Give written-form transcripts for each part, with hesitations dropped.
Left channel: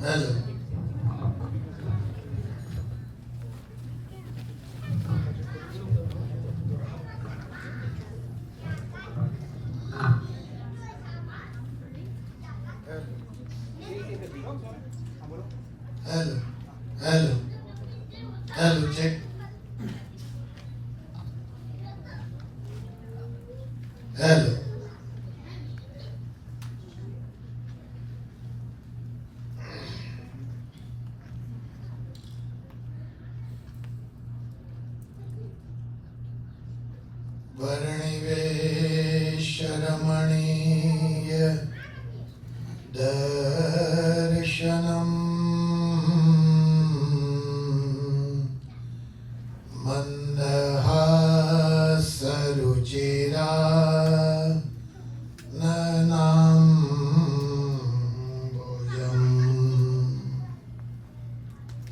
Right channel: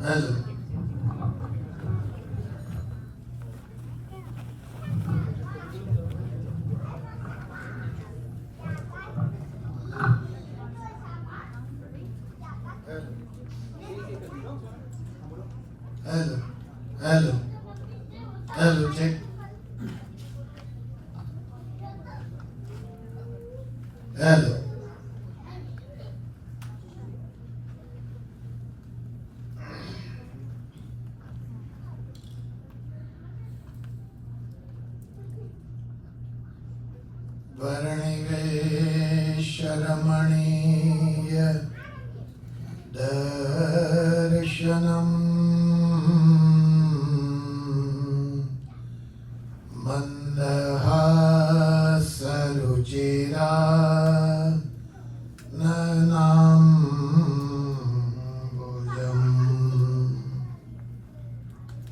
Hello hello hello hello check hello वर्णिवेशरमणीय दर्शनम् मन्दहासरुचिरा ननाम्बुजम्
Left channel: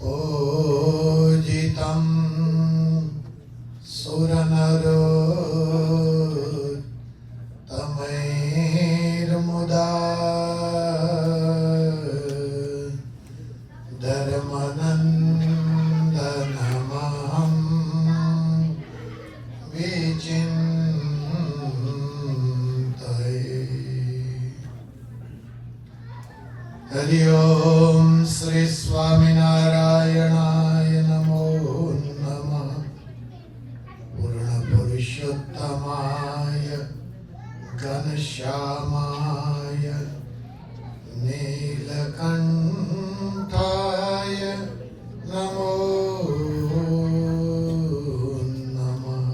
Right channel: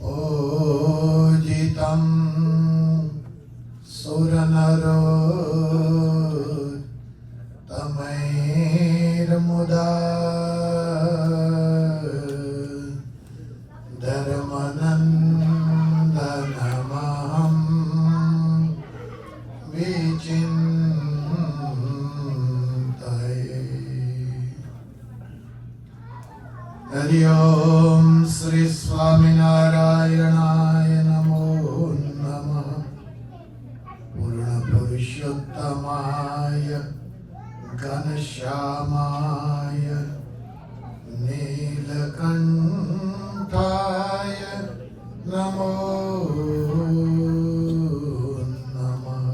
पूजितं सुरनरोत्तमैर्मुदा धर्मनन्दनमहं विचिन्तये। हरि ओम श्री स्वामिनारायणाय नमो नमः। पूर्ण पुरुषोत्तमाय घनश्यामाय नीलकंठाय नमो नमः।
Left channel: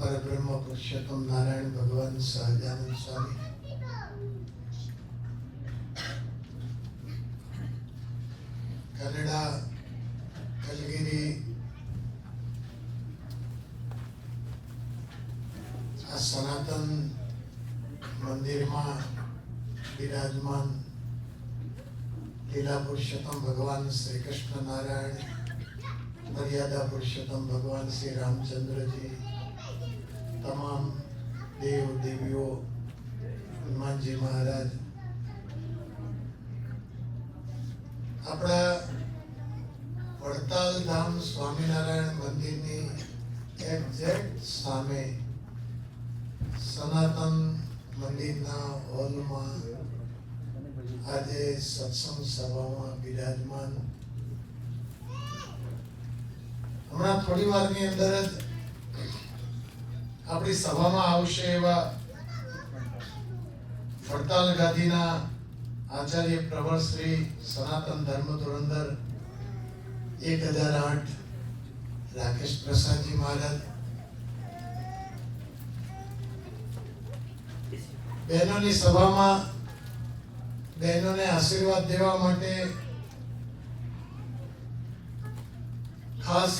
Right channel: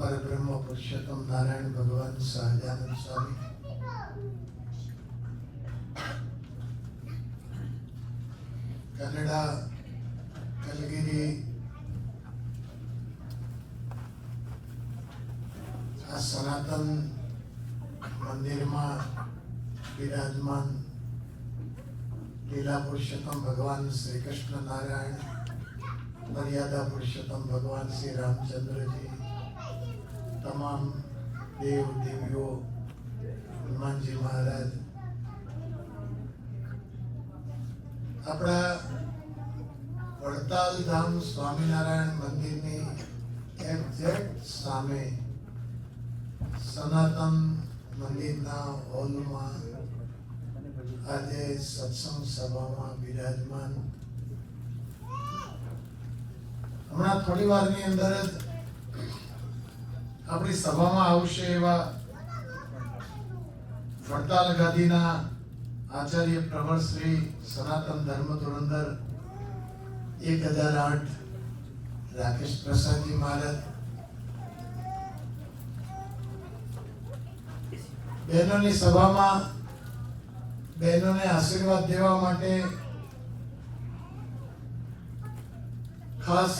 पर ब्रह्म पुरुषोत्तम नारायण भगवान सहजानंद स्वामी कन्नड़ा कलगिरी सनातन मंदिर में विराजमान लीला पुरुषोत्तम भगवान श्री कृष्ण नारायण, मर्यादा पुरुषोत्तम भगवान श्री रामचंद्र जी, तमाम देव देवियों, हनुमान जी महाराज, अपना वड़ताल धाम स्वामीनारायण मंदिर ने एक्जेक्ट सामे सनातन मंदिर ना हॉल में आज सत्संग सभा में विराजमान हमणा थोड़ी वार नी अंदर अपनी सभा में आवशे एवा वड़ताल गादीना आचार्य प्रवर श्री सनातन धर्म धुरंधर 1008 राकेश प्रसाद जी महाराज, बहनों सभा में बहनों ने आशीर्वाद देवा माटे खास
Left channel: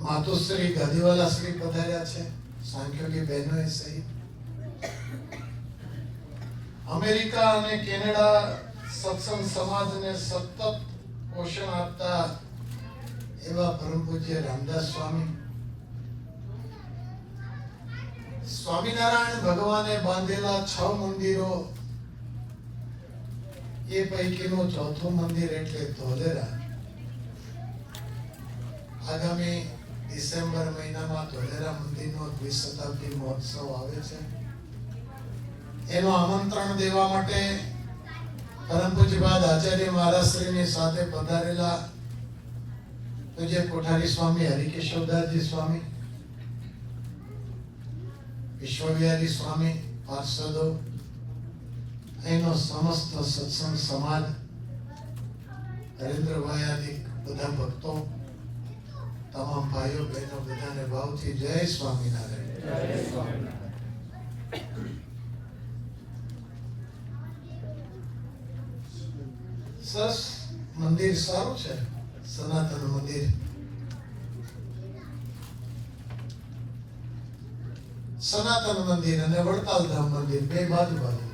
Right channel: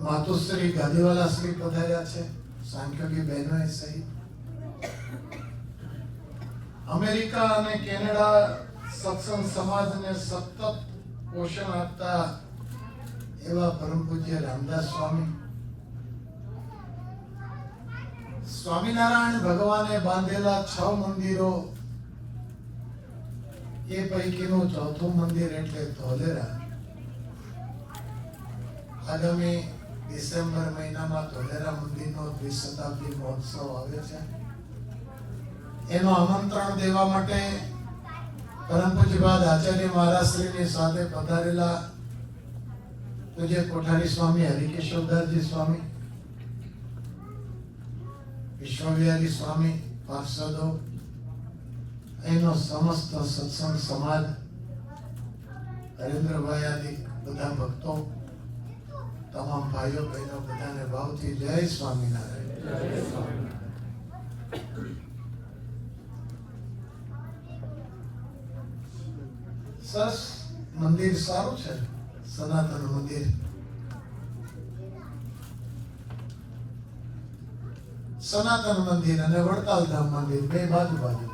मातुश्री गादीवाला श्री पधार्या छे, सांख्यो की बहनों सहित अमेरिका અને કેનેડા સત્સંગ સમાજને સતત પોષણ આપતા એવા પરમ પૂજ્ય રામદાસ સ્વામી, સ્વામિનારાયણ ભગવાને બાંધેલા 6 મંદિરો એ પૈકીનું ચોથું મંદિર એટલે ધોલેરા આગામી ડિસેમ્બર મહિનામાં ધોલેરા મંદિરનો દ્વિશતાબ્દી મહોત્સવ આવે છે। એનો આમંત્રણ દેવા માટે પરમ પૂજ્યપાદ આચાર્ય મહારાજ શ્રીની સાથે પધારેલા પૂજ્ય કોઠારી સ્વામી હરિકેશવદાસજી સ્વામી, વિશ્વવિહારી સ્વામી, પાર્ષદો, એનો સમસ્ત સત્સંગ સમાજ, હરેન્દ્રભાઈ આદિ બધા ભક્તો, તમામ ભાઈઓ બહેનો બધાને ભાવથી જય સ્વામિનારાયણ। જય સ્વામિનારાયણ। સરસ મંદિર સારું છે, સનાતન મંદિર। સનાતન મંદિર અને વડતાલ ધામ મંદિર બે બાજુ બાજુ।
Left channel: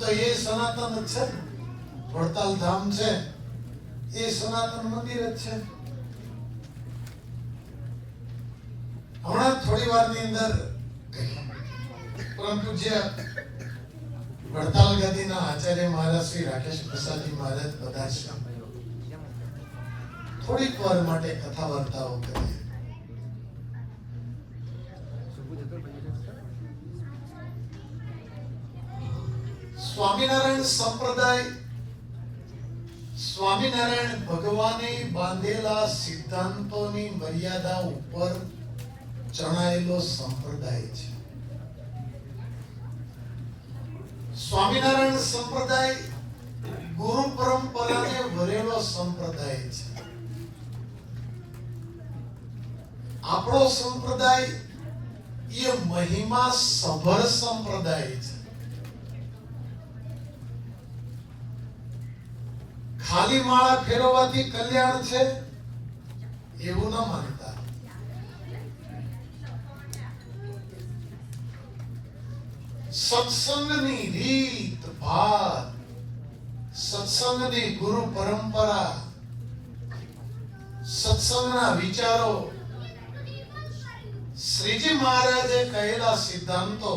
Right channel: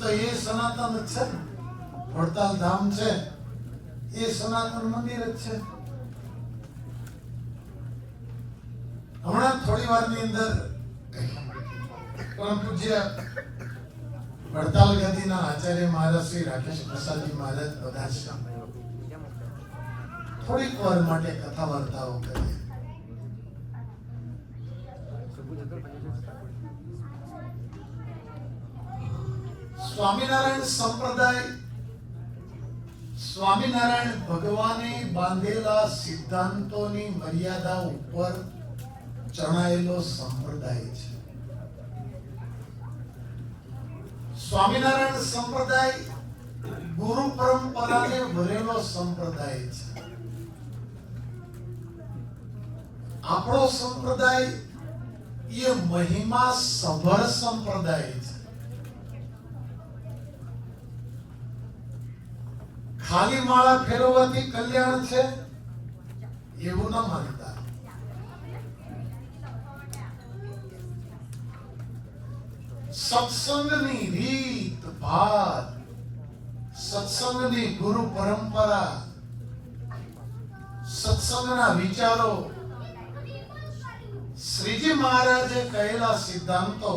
તો એ સનાતન જ છે. વડતાલ ધામ છે એ સનાતન મંદિર જ છે. હમણાં થોડી વારની અંદર પરમ પૂજ્ય વડતાલ ગાદીના આચાર્ય મહારાજ શ્રી રાકેશ પ્રસાદજી મહારાજ બધા છે. થોડીક વાર માટે કથા વાર્તાઓ કરીએ. સ્વામિનારાયણ સંપ્રદાય સ્વામિનારાયણ ભગવાને બાંધેલા સિદ્ધાંતોની મર્યાદા ઉપર ચણાયેલો સંપ્રદાય છે. સ્વામિનારાયણ સંપ્રદાય ગુરુ પરંપરાને વરેલો સંપ્રદાય છે. આપણો સંપ્રદાય એ મહિમા સભર સંપ્રદાય છે. ખાલી માળા ફેરવવાથી કલ્યાણ છે એવું ન માનતા. સત્સંગની રીત ભાત, સત્સંગની ગુરુ પરંપરા, સત્સંગના વિચારો, શ્રીજી મહારાજે કહેલા સિદ્ધાંતો,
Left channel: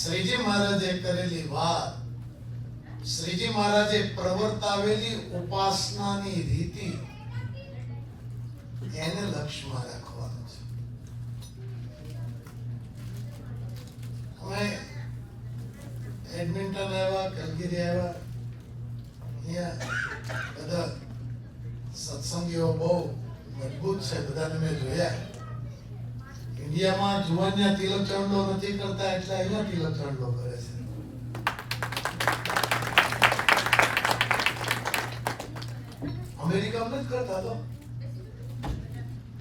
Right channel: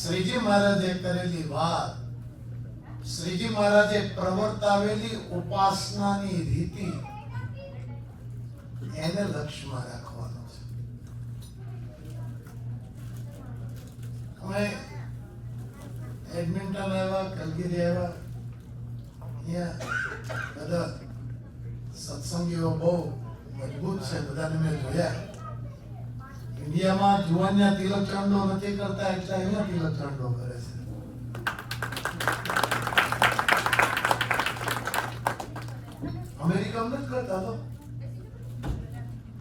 શ્રીજી મહારાજે કરેલી વાત, શ્રીજી મહારાજે પ્રવર્તાવેલી ઉપાસનાની રીતિ, એને લક્ષ્યમાં રાખવાનું છે. અમે એડમિન્ટન આવ્યા, કલગીરી આવ્યા, અહીંયા બધા સત્સંગીઓ બહુ મજબૂત છે. બધાને મેં જોયા. ઇન્ડિયામાં જુવાનિયા તિલક ચાંદલો નથી કરતા, એટલે અહીંયા તિલક ચાંદલો કરે છે. અમેરિકામાં નથી કરતા. તો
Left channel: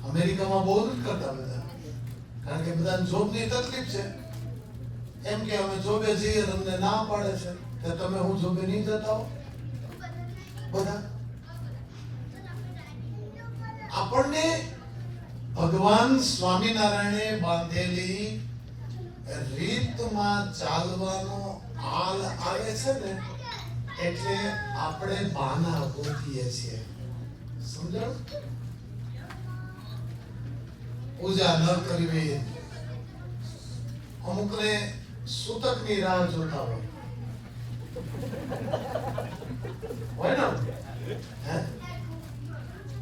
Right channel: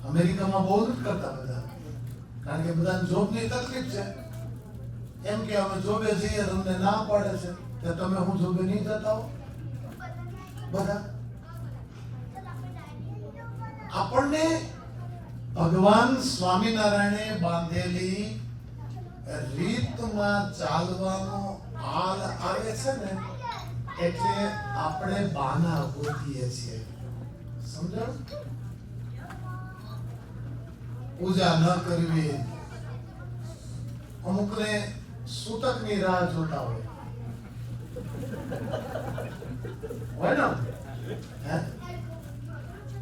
અમેરિકામાં બહુ નથી કરતા બધા, કારણ કે બધાને જોબની તકલીફ છે. એમ કે અમે જોબે જઈએ, તમને ના પાડે છે કે તમે હું જોબે નહીં જતા હો. બધા આપણને ભગવાન સ્વામિનારાયણે બાંધેલી રીતમાં ચાલવાનો હાલ આવે છે ને, એટલે આપણે બાના ગોતીએ છીએ. સમજાણું? પૂજા ન કરવી, અમુકને સૂતકની રાહ જોતા હોય ને.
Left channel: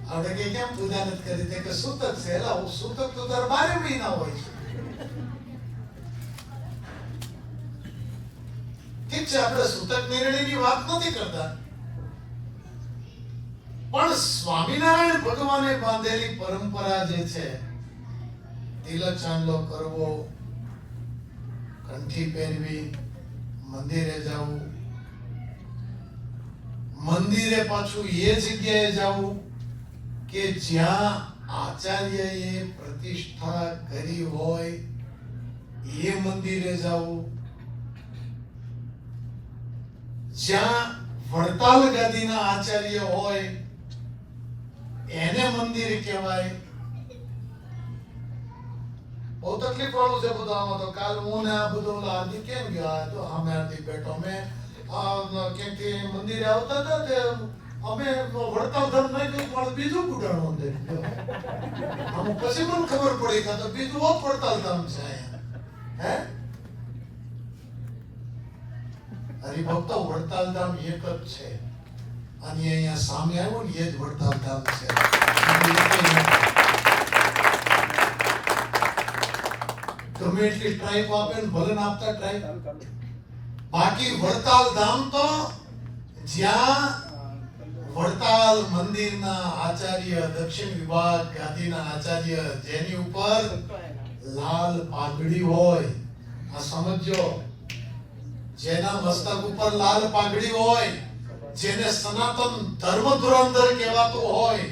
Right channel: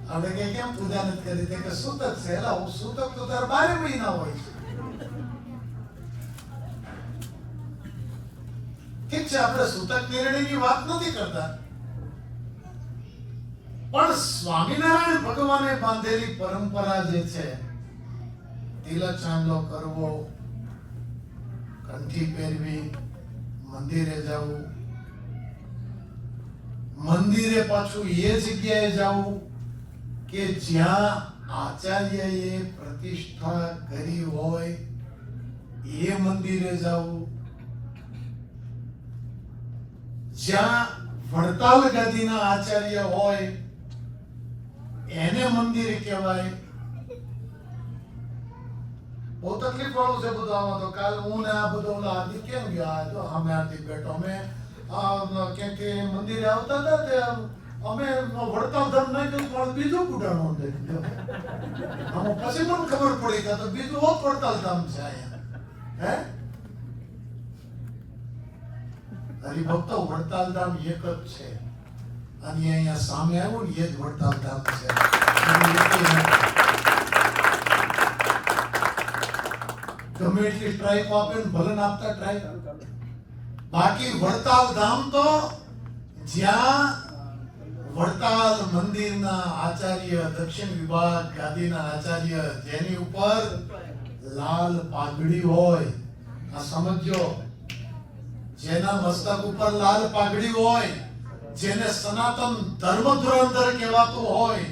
આપણે કે કેમ પૂજા નથી કરી? કે સૂતક છે. એલા સૂતક તો તાર 12 મહિના હોય છે. ઠીક છે, આપણે સૂતક નિર્ણયની વાત નથી કરતા, પણ સ્વામિનારાયણ ભગવાને બાંધેલી પરંપરા જે છે, તિલક ચાંદલો કરવો, કંઠી પહેરવી, મંદિરે જવું, મંદિરે પાછું એ જગ્યાએ જવું કે જ્યાં આચાર્યએ પ્રતિષ્ઠા કરી હોય, એ મંદિરે જવું, જ્યાં વડતાલ ગાદીના આચાર્ય હોય એને મંદિર કહેવાય. બહુ તકલીફ વાળું છે બધું. આમાં તો કાલ હું ને આ બધું આદિ કેમ ગયો, તો અમે આથી બેઠો, અમે કેમ કે મંદિરે આવતા હતા તે અમે વડતાલ ધર્મ નહીં કહ્યું, પણ બીજું કુટાણું મંદિર પછી પણ ખબર પડી કે તો બીજું હોત વડતાલ ધામ છે અહીંયા. હે હરિભક્તો, વડતાલ ધામ એક જ છે. અને અહીંયા સામે આવ્યું ને, એ જ વડતાલ ધામ છે. ગમે એટલી ટ્રાઇબ આપે ને, ભલે ને આપતા ટ્રાઇબ, બાકી વડતાલ ધામ તો જ્યાં વડતાલ મંદિરના આચાર્ય, દક્ષિણ વિભાગ ગાદીના આચાર્ય, જેની ઉપર લાલ પાઘડી હોય, આ સમજો, જેના મસ્તક ઉપર લાલ પાઘડી હોય, જેને સનાતન ધર્મ ધુરંધર કહેવાતું હોય,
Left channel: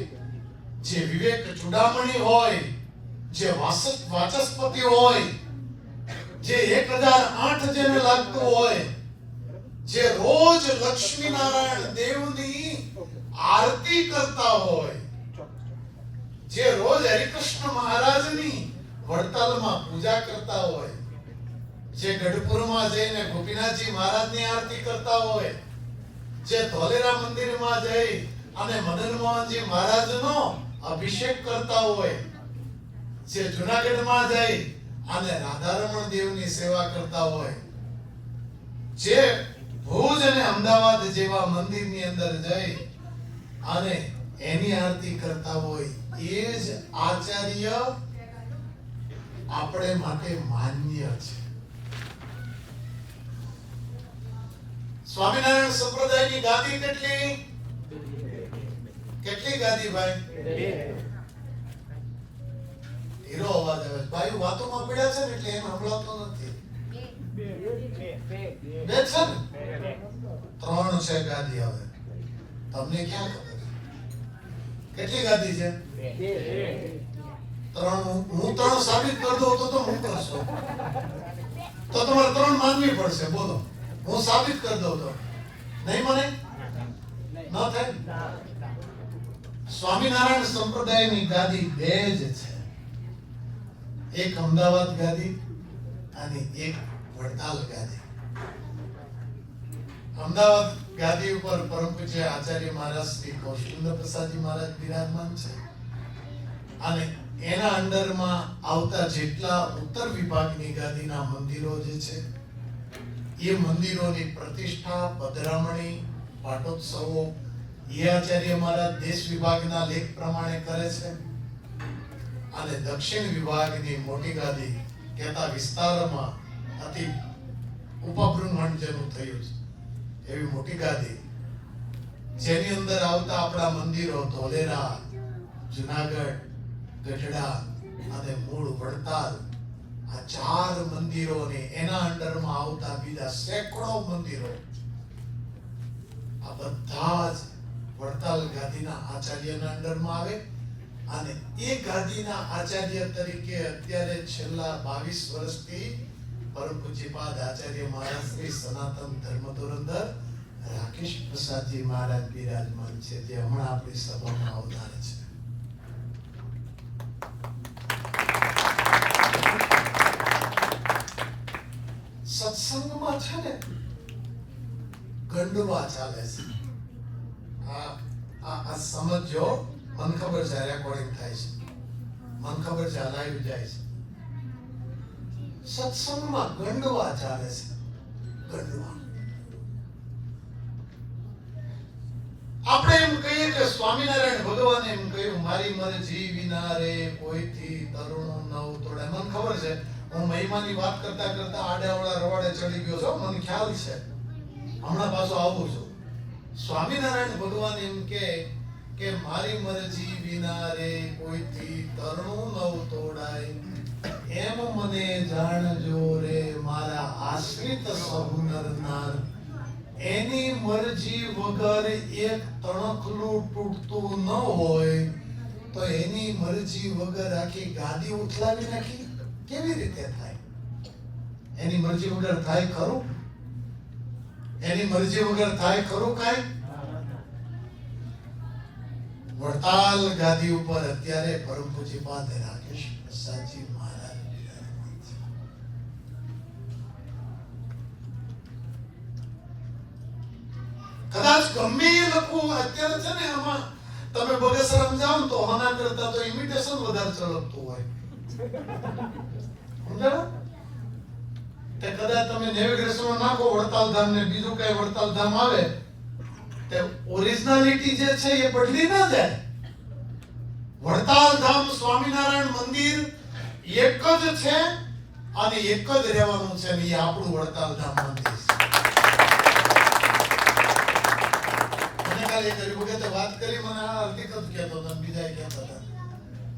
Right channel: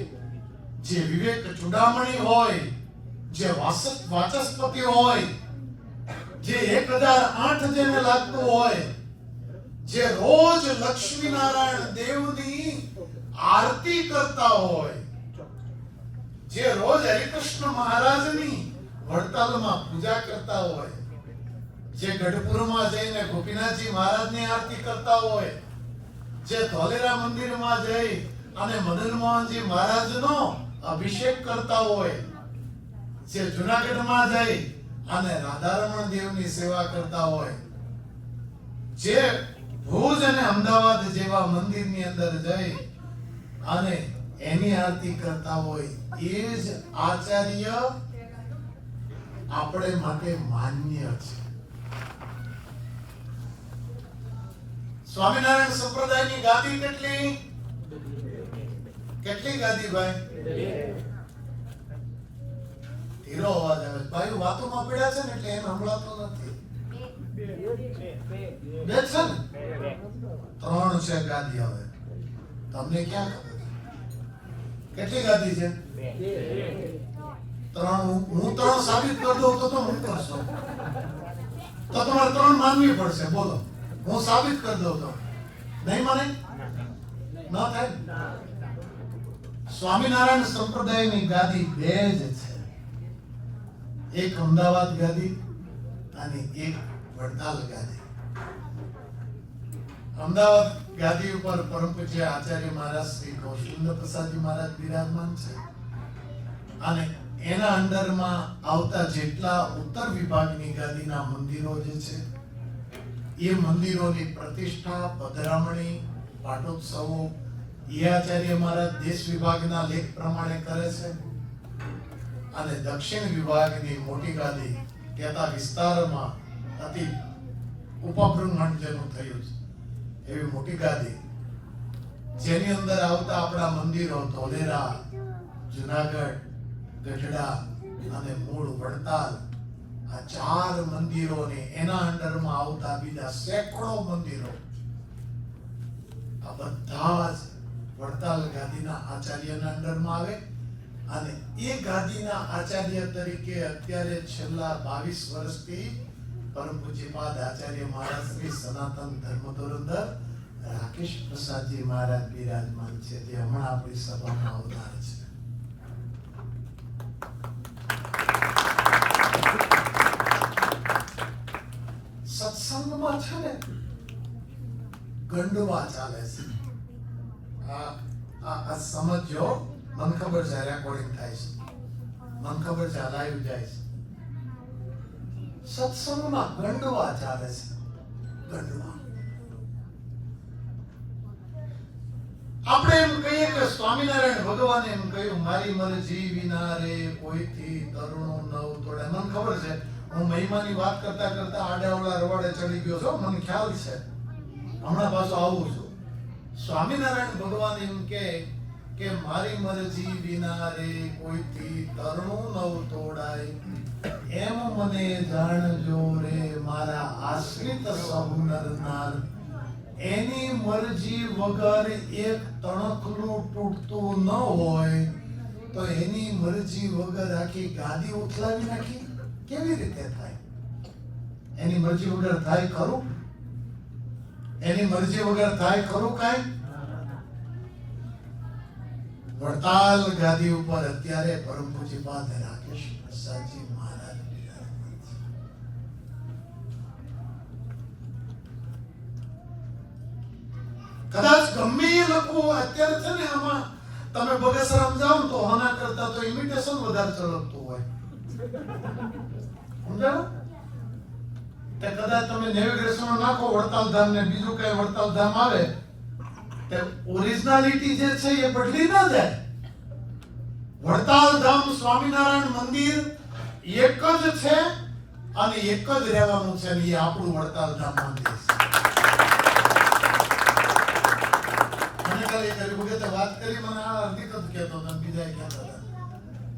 જે વિવેક ચૂડામણી હોય, જે વાચસ્પતિ હોય, જે 1008 જેને લાગતું હોય, જે રોજ લક્ષ્મીનારાયણ દેવની આરતી કરતા હોય, જે રોજ હરિકૃષ્ણ મહારાજની વડતાલમાં પૂજા કરતા હોય, જે ગઢપુરમાં જઈને ગોપીનાથજી મહારાજની આરતી કરતા હોય, જે ધોલેરા મંદિરમાં જઈ અને મદન મોહનજી મહારાજનો અભિષેક કરતા હોય, જે જુનાગઢમાં જઈ અને રાધારમણ દેવની સેવા કરતા હોય, જે ભુજ અને અમદાવાદ જેવા મંદિરની અંદર જઈ અને એની આરતી કરતા હોય, એ જ આચાર્ય આપણે માટે માન્ય છે. સ્વામિનારાયણ સંપ્રદાયની ગાદી કેટલી ગાદી ભાઈ? હીરો અવાજ આવે ભાઈ, વાતોમાં પડ્યા છે ને એટલે એને હમલાતો નથી. બે છે ને? 3 છે ગાદી. હવે તમને ક્યાં ખબર કેટલી ગાદી છે? 3. હું 3 સાબિત કરી દઉં તો હું કરશો તો તમારે 3 માનવી પડશે. બોલો, હું સાબિત કરી દઉં તો નહીં મને ન થાય. સ્વામિનારાયણ સંપ્રદાયની ગાદી 2 જ છે. એક અમદાવાદ ગાદી અને એક વડતાલ ગાદી. અમદાવાદ ગાદી ઉપર પરમ પૂજ્ય આચાર્ય મહારાજ શ્રી કૌશલેન્દ્ર પ્રસાદજી મહારાજ બિરાજમાન છે અને એના અંડરમાં આવતા જેટલા ઉત્તર વિભાગની ગાદીના મંદિરો જે છે એ મંદિરોની પ્રતિષ્ઠા, પધરામણી, પાટોત્સવો એ આચાર્ય મહારાજ દેશ વિભાગના લેખ પ્રમાણે કરે છે અને દક્ષિણ વિભાગની મોટી ગાદી કહેતા વિસ્તારમાં અતિ ઉપબૃંહણ જેનું થયું છે એવી મોટી ગાદી, જેની અંદર આવતા આપણા મંદિરો ધોલેરા, જુનાગઢ, ગઢડા અને મૂળ વડતાલ, આ 4 મંદિરોને એના અંડરમાં આવતા બીજા સેંકડો મંદિરો, આ બધા જ વડતાલ ગાદીના આચાર્યના અંડરમાં આવે અને એ ગાદીના આચાર્ય તરીકે અત્યારે છેલ્લા 22 વર્ષથી પરમ પૂજ્યપાદ આચાર્ય મહારાજ શ્રી સનાતન ધર્મ ધોરણધર રાકેશ પ્રસાદજી મહારાજ બિરાજમાન છે, જે હમણાં આપણી સભામાં અવતારે છે. સત્સંગમાં છે ને ગંડવા ચાલે છે. આ સમજો, મને ખબર છે રેકોર્ડિંગ થાય છે, મને ખબર છે લાઈવ જાય છે. સત્સંગમાં ગંડવા ચાલે છે. ગંડવા આપણે એમ કહીએ કે સ્વામિનારાયણ ભગવાને એમ કહ્યું, મારી મરજી વિના રે કોઈથી તરુણું નવ તોડે. મને ખબર છે હું મહિમાની વાત કરતા કરતા આડાવડા રવાડે ચડી ગયો છું, મને ખ્યાલ છે, હમણાં પાછો આવું છું. સ્વામિનારાયણ ભગવાન એમ કે મારી મરજી વિના રે કોઈથી તરુણું નવ તોડાય, એમ મને જાણજો રે મારા આશ્રિત સહુ નર નાર. એની મરજી વગર એક તણખલું તૂટતું ન હોય તો એની મરજી વગર આખી ગાદી ઉથલાવી નાખી કેવી રીતે થાય? એની મરજી વગર થાય ખરું? એની મરજી વગર થાય ખરું કાંઈ? વડતાલ ગાદી ઉપર અત્યારે પરમ પૂજ્યપાદ રાકેશ પ્રસાદજી મહારાજ બિરાજમાન છે. કદાચ ગમે એ લોકો અત્યારે છે ને આમાં તમે બગસરામ જાઓ તો આના કરતા તો ઇમિટેશન વધારે ચલકતું હોય. સમજાણો? તે કદાચ તમે નેવિગેશન નાખો વડતાલ ધામ ને બીજું કઈ વડતાલ ધામ આવે તે ઓરિજિનાલિટી જે છે એ બદલી ના જાય. વડતાલ ધામ સ્વામિનારાયણ મંદિર એક જ છે અને એક જ રહેવાનું છે, ને એ આપણું વડતાલ ધામ મંદિર છે. મને કાલે એક વખતે વાત કરી, મને આ હકીકત કહેતો હતો, બીજા કહેતા હતા.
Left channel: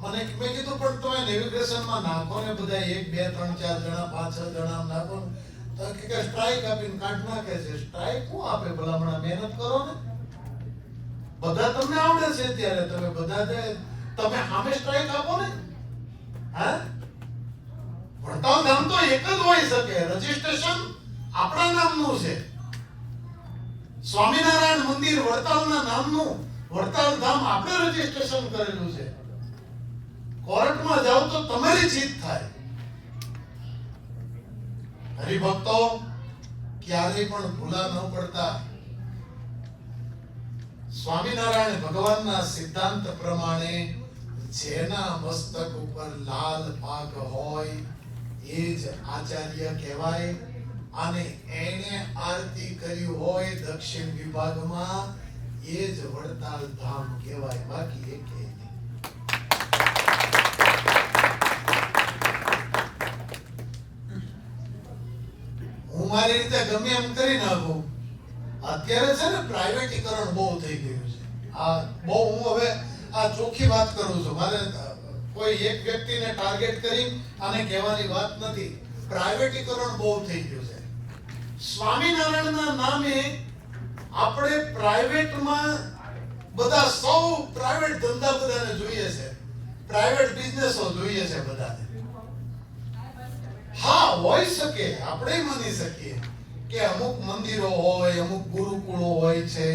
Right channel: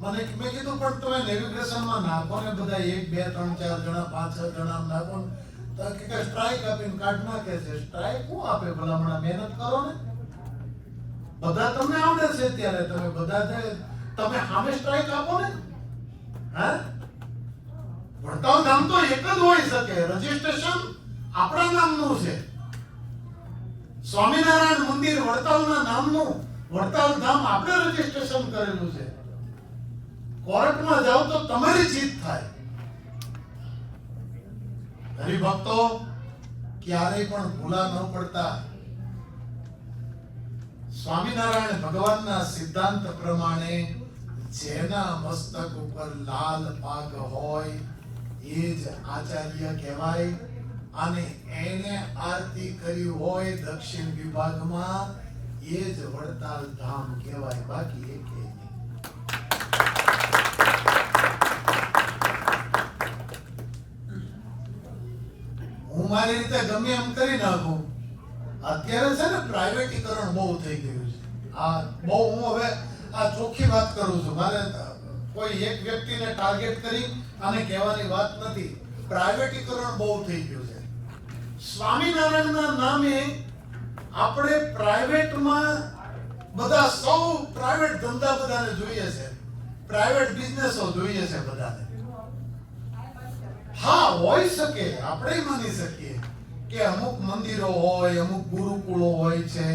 મને મેં કીધું પણ તમે નેવિગેશનમાં નાખો ને બધા 1 2 3 4 જણા 5 6 જણા નાખો તો કે સ્ટ્રાઇક આપીને કાઢ નાખે છે. સ્ટ્રાઇક હું આપે? ભલામણા મહેનત કરો ને, બધા તમને આવડે છે ત્યારે તમે બધા તમે સામે સ્ટ્રાઇક આપો ને. હા, વડતાલ ધામ તો એક જ હોઈ શકે, રજીસ્ટ્રેશન આપણા નામનું છે. સ્વામિનારાયણ મંદિર વડતાલના નામનું, વડતાલ ધામ આપણે રજીસ્ટ્રેશન કરેલું છે. કોર્ટમાં જાઓ તો તમારી જીત થાય. હરિભક્તો ક્યારેય પણ ભૂલા ન પડતા. સ્વામિનારાયણ ભગવાનના સિદ્ધાંત પ્રમાણે જેના મસ્તક ઉપર લાલ પાગ હોય એ જ આચાર્ય કહેવાય, અને એને આરતી કરી હોય દક્ષિણ વિભાગમાં એ જ વડતાલ ધામ કહેવાય, બાકી એક નહીં. હું મારી રીતે ગમે એમ કરી નાખું. અત્યારે છે ને પ્રાઇવેટીકરણ બહુ થઈ ગયું છે. આ બહુ હું હવે આ ચોખ્ખી વાત કરું છું. મારે કોઈ એક વ્યક્તિને ટાર્ગેટ કરી અને કહેવાની વાત નથી. પ્રાઇવેટીકરણ બહુ થઈ ગયું છે. સ્વામિનારાયણના નામે આપણે પ્રાઇવેટમાં બધા સૌ પ્રાઇવેટ ધંધા બધાને જોઈએ છે, પ્રાઇવેટ બિઝનેસો જોઈએ છે બધાને. હા, હોઈ શકે, આપણે માની શકીએ કે અમુક મંદિરો હોય, અમુક ગુરુકુળો હોય છે,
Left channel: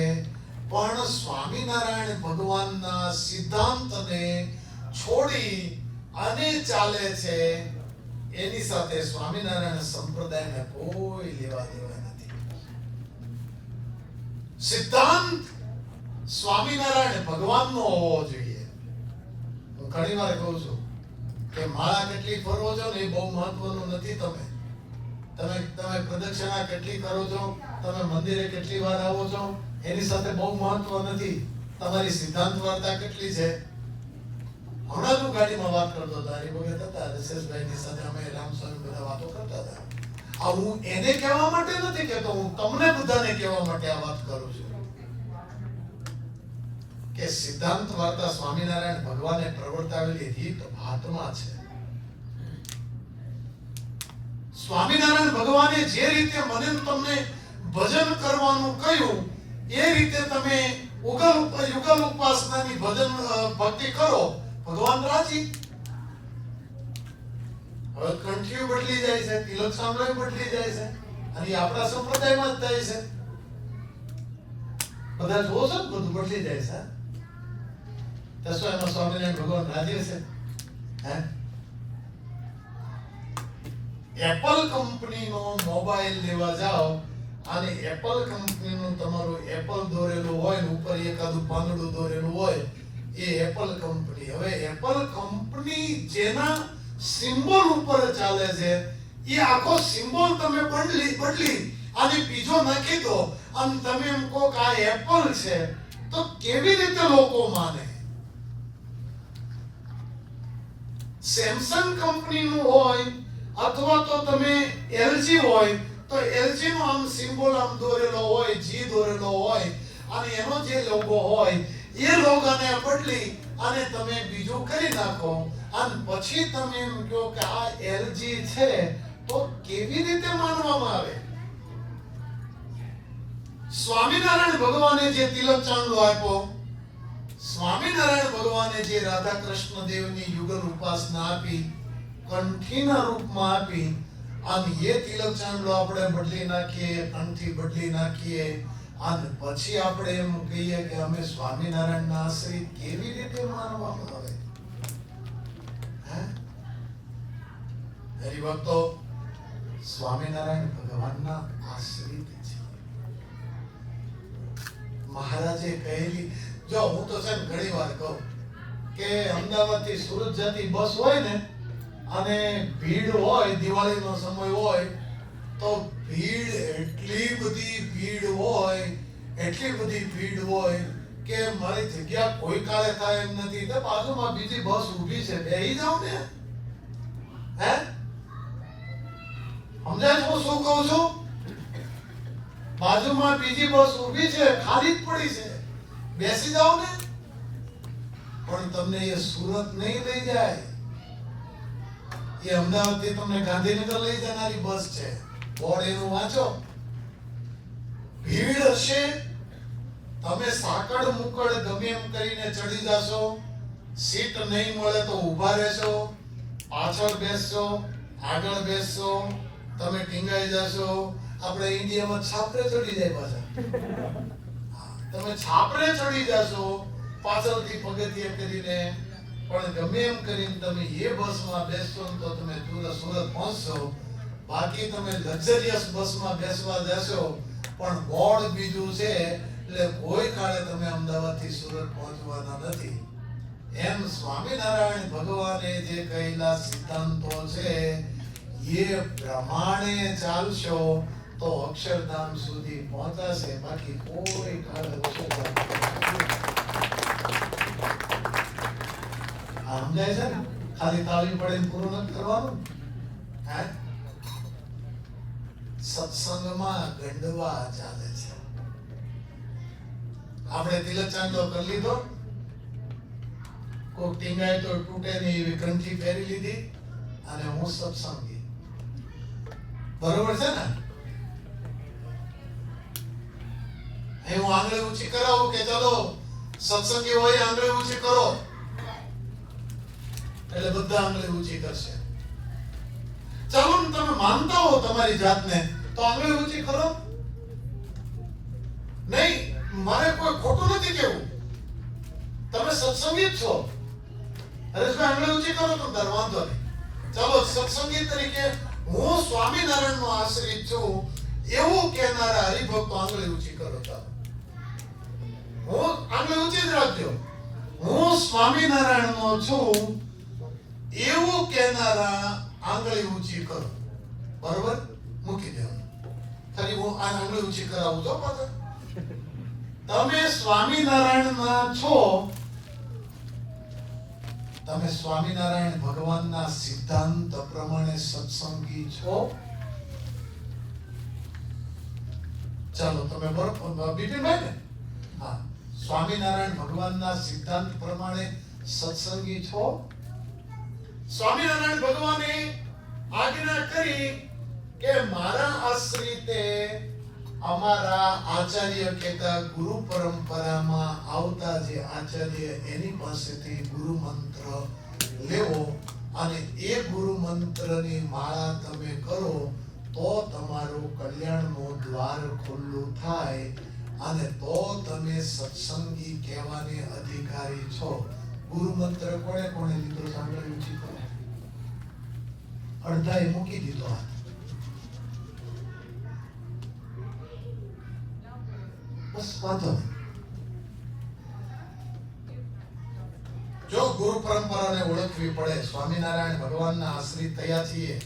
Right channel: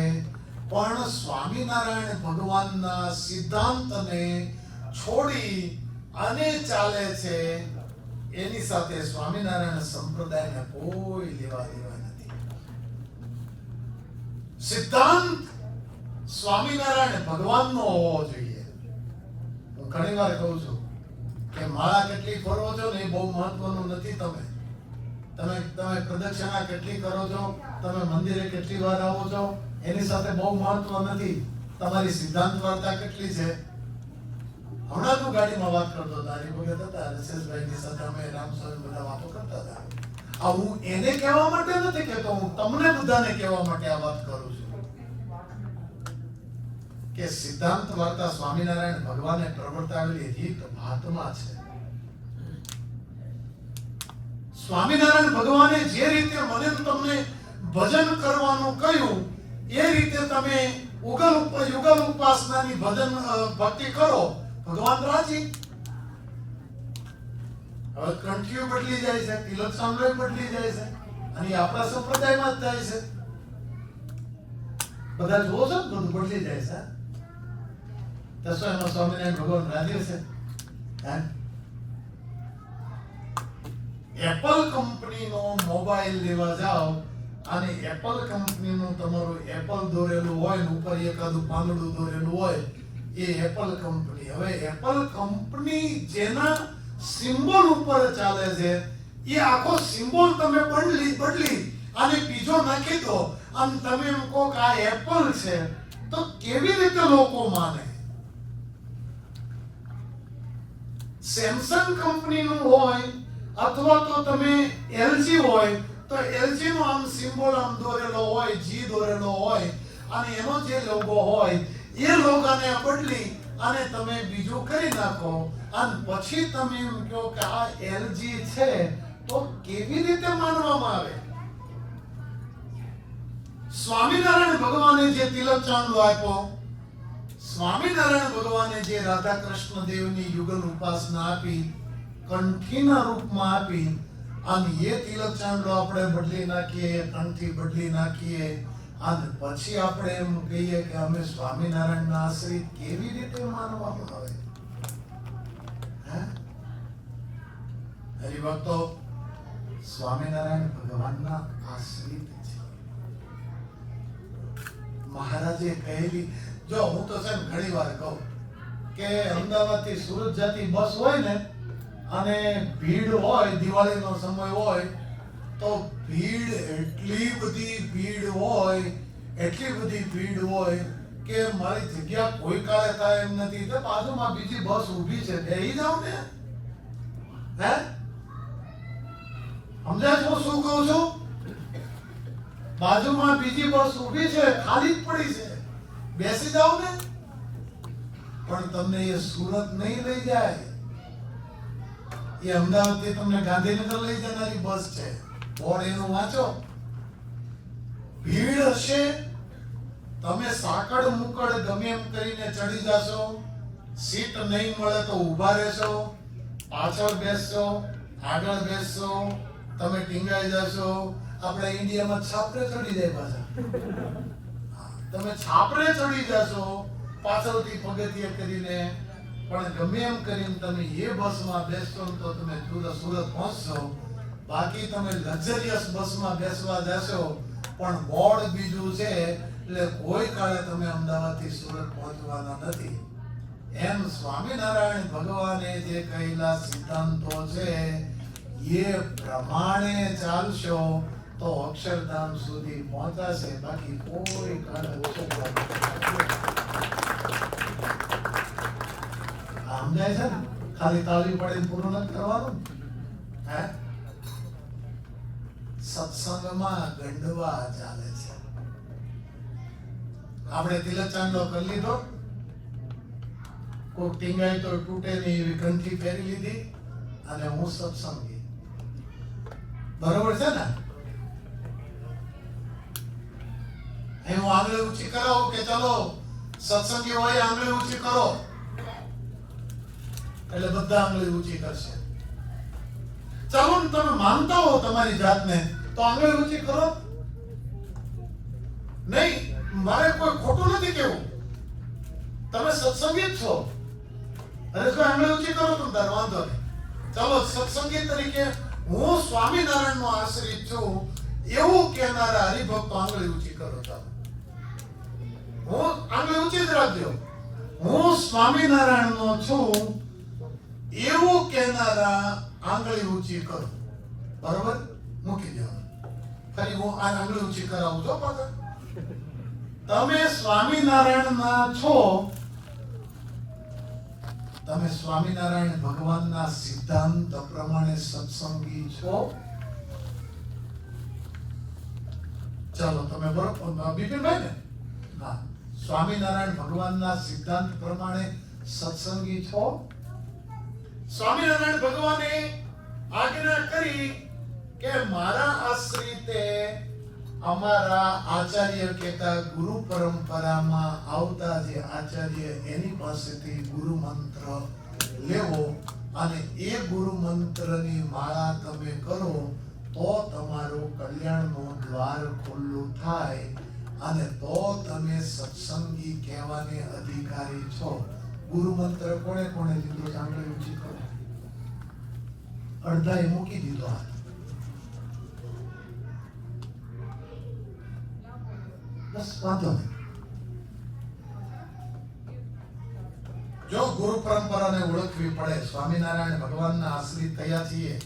પણ સ્વામિનારાયણ ભગવાનના સિદ્ધાંતને છોડી અને ચાલે છે એની સાથે સ્વામિનારાયણ સંપ્રદાયને કોઈ લેવા દેવા નથી. સિદ્ધાંત સ્વામિનારાયણ ભગવાનનો હોવો જોઈએ. હું ઘણી વાર કહું છું કે માળા કેટલી ફરવો છો ને એ બહુ મહત્વનું નથી. તમે પ્રદક્ષિણા કેટલી કરો છો, તમે મંદિરે કેટલી વાર આવો છો, એની સાથે બહુ મહત્વ નથી. તમારી સિદ્ધાંત વાર્તા કેટલી છે. હમણાં હું ગાડીમાં વાત કરતો હતો, હરિભગત હતા, રસેશભાઈની સાથે અમે રામસ્વામી બધા વાતો કરતા હતા. આ હું એને કહેવા માટે નથી કહેતો, હું તમને બધાને કહેવા માટે આ વાત કરું છું કે સિદ્ધાંત વાર્તા સ્વામિનારાયણ ભગવાને પ્રવર્તાવેલી રીત ભાતમાં છે. સ્વામિનારાયણ ભગવાને જે રીતે મને તમને ભજન કરવાનું કહ્યું એ રીતે તમે યુગલ ઉપાસનાની ભજન ભક્તિ કરો, ભગવાન રાજી. હવે કંઠીઓ બદલી જાય છે, તિલક સાંભળો બદલી જાય છે, અને આપણા સંપ્રદાયમાં જ થાય છે. બધા જોવો છો બધું બદલી જાય છે. તો એમાં સ્વામિનારાયણ ભગવાન રાજી છે? એપલ કંપનીનો મોબાઈલ લેવા જાઓ અને એપલ કંપનીનું તમારું એપલ દોરેલું હોય ને ઉપર એકાદું પાંદડું દોરેલું હોય, એ એપલ કંપની. હવે એપલ કંપની જેના સિમ્બોલ ઉપર ચાલે છે એ આખો સિમ્બોલ તમે બદલી અને બીજો નાખી દો અને તમે એમ કહો કે આ એપલ છે, તો કેવી રીતે લોકો માને? સેમસંગ કંપનીનું હોય અથવા તો તમે એલજી હોય તો એલજી નો આમ સિમ્બોલ આમ દોરેલો હોય, જી દોરેલો હોય, અને એનો જે લોગો હોય એ લોગોને બદલી અને તમે બીજું કરી નાખો અને પછી તમે એમ કહો કે આ એલજી છે, તો કેવી રીતે માનવામાં આવે? સ્વામિનારાયણ ભગવાને જે તિલક ચાંદલો આપ્યો, સ્વામિનારાયણ ભગવાને જે રાધા કૃષ્ણ દેવની યુગલ ઉપાસના આપી, કંઠીના રૂપમાં આપી, અને એ તિલક ચાંદલો આપણે બદલી નાખીએ, કંઠી બદલી નાખીએ અને પછી આપણે એમ કહીએ કે અમે સ્વામિનારાયણના આશ્રિત, કેવી રીતે માનવામાં આવે? હરિભક્તો, સ્વામિનારાયણ ભગવાનના આશ્રિત છે. મહારાજે કહેલી, જો હું તો છે ઘણી વાર કહું કે અમદાવાદ થી સુરત જતી બસ હોય ને અને ભીડ હોય, દિવાળીનો સમય હોય તો ભીડ એટલી બધી ભીડ હોય કે મારી જગ્યા કોઈ કાળે થાય એમ નથી, તો બાજુમાં બીજી બસ ઊભી છે, બેહી જાવ ને. સમજાય હું શું કહું છું? બાજુમાં બીજી બસ ઊભી છે, ખાલી જ પડી છે, બેસી જાવ ને. પણ તમને એ સુરત નહીં લઈ જાય, એ અમદાવાદ થી તમને ગાંધીનગર લઈ જનારી બસ છે. બોર્ડ એનું વાંચો. ભીડ હશે, તમે સાકડ મુકડ ગમે એમ કરીને ચડી જશો, સીટ નહીં મળે તો ઊભા રહેશો, પાછળ બેસશો, આગળ બેસશો, તમે ટીંગાઈ જશો. આપણે ઇન્ડિયામાં છાપરે ચડી જાય પાછા. તમે છાપરે ચડી જશો પાછળથી પગથિયે કરીને, પણ ગમે એમ કરીને તમે એ બસમાં બેસશો તો તમે સુરત પહોંચશો. બાકી તમે લક્ઝરિયસ બસમાં બેસવા જશો પણ બોર્ડ બીજું છે એટલે કોઈ કાળે તમે અમદાવાદથી સુરત પહોંચવાના નથી. એમ સ્વામિનારાયણ ભગવાને જે કહેલા સિદ્ધાંતો છે એ પ્રમાણે ચાલશો તો અક્ષરધામ સુધી પહોંચાશે. બાકી કોઈ કાળે અક્ષરધામ સમજાય છે ને? ખાલી તાળી પડે પૂરું નથી કરવાનું. હે સત્સંગમાં ગંડવા ચાલે છે. આપણે તિલક ચાંદલો કરી લીધો, કોઈ ટીંગાય તો તૂટે નહીં એવી કંઠી પહેરી લીધી અને હું સત્સંગી. બરોબર છે ને? હું આંગળી ઊંચી કરાવું કે ચલો સત્સંગી હોય આંગળી ઊંચી કરો એટલે બધા આંગળી ઊંચી કરશે. ચાલો ને તમે માનતા હો તમારી જાતને તો આંગળી ઊંચી કરો. નહીં, મારે કોઈ ખોટું નથી કેવું. તમે સત્સંગી જ છો. અરે જો આંગળી ઊંચી કરો તો દર વાંધો નહીં. ચાલો સત્સંગી તરીકે હું સ્વામિનારાયણ નો આશ્રિત છું એવું કહેનારા હરિભક્તો આંગળી ઊંચી કરો. ચાલો હું આંગળી ઊંચી જ રાખજો. હું સ્વામિનારાયણ નો છું એવું કહેનારા આંગળી ઊંચી કરો. બરોબર? મૂકી દેવાનું. ફરી હું આ આંગળી ઊંચી કરાવું છો પાછા. તમે સ્વામિનારાયણ ના છો, તમે સ્વામિનારાયણ ભગવાનના સિદ્ધાંત પ્રમાણે સત્સંગી છો. ચાલો તમે બરોબર બિપિનભાઈ ને? હા, સ્વામિનારાયણ ભગવાનના સિદ્ધાંત પ્રમાણે સત્સંગી છો. સ્વામિનારાયણ ભગવાને આજ્ઞા કરી કે મારા આશ્રિતે અમારા આચાર્ય કહેતા ગુરુ પરંપરામાં આવતા જે આચાર્ય એની પાસેથી ગુરુ મંત્ર લેવો અને એ ગુરુ મંત્રની માળા તમે કરો તો તમારું કલ્યાણનું દ્વાર ખુલ્લું થાય અને તો તમે સત્સંગી કહેવાને અધિકારી છો. ગુરુ મંત્ર કોણે કોણે લીધો? સાંભળી ઊંચી કરો. અડધાએ મૂકી દીધો હાથ. બસ વાંધો નહીં. જો ગુરુ પરંપરાને ઓળખવી પડે. સ્વામિનારાયણ ભગવાનના આશ્રિત થયા છીએ.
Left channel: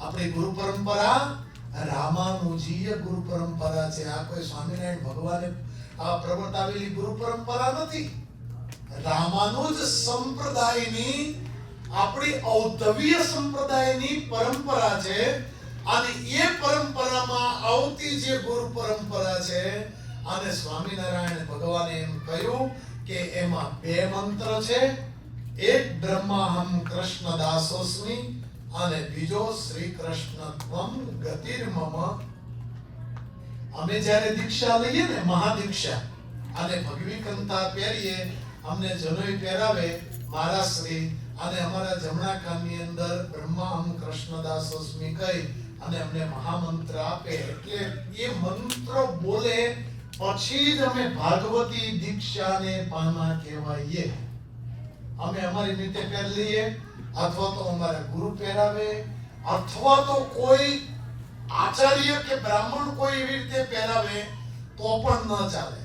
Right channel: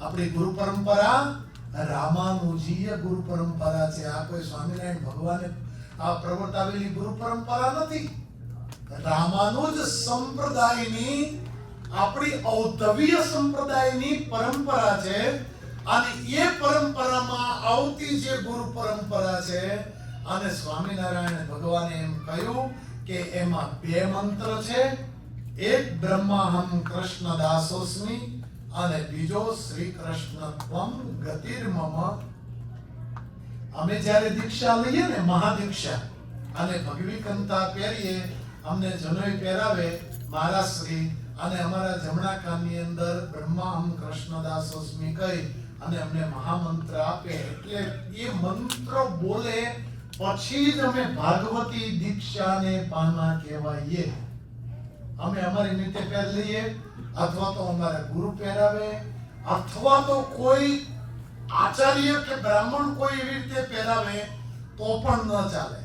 આપણી ગુરુ પરંપરા રામાનુજીય ગુરુ પરંપરા છે. આ કોઈ સ્વામિનારાયણ ભગવાને આ પ્રવર્તાવેલી ગુરુ પરંપરા નથી. રામાનુજ સંપ્રદાયની આપણી ઔદ્ધવ્ય સંપ્રદાયની પરંપરા છે. અને એ પરંપરામાં આવતી જે ગુરુ પરંપરા છે અને સ્વામિનારાયણ ભગવાને એમ કહ્યું કે એમાં બે મંત્ર છે. એક બ્રહ્માહમ કૃષ્ણ દાસોસ્મિ અને બીજો શ્રી કૃષ્ણ ત્વમ ગતિર્મમ. અમે જ્યારે દીક્ષા લઈએ ને મહાદીક્ષા અને ભગવી કંઠા પહેરીએ, અમને જનોઈ પહેરાવે મહારાજ શ્રી અને અમારા જમણા કાનની અંદર બ્રહ્માહમ કૃષ્ણદાસોસ્મિ કહી અને અમને મહામંત્ર આપે. એટલે એ મંત્ર બોલે પછી જ અમે ભાગવતી દીક્ષાને પામા કહેવાઈએ. અમે અમારી રીતે પહેરી લઈએ અથવા તો અમારા ગુરુ પહેરાવે અથવા તો કોઈ આચાર્ય કે બ્રાહ્મણ કોઈ એવી રીતે પહેરાવે તો પણ ન ચાલે.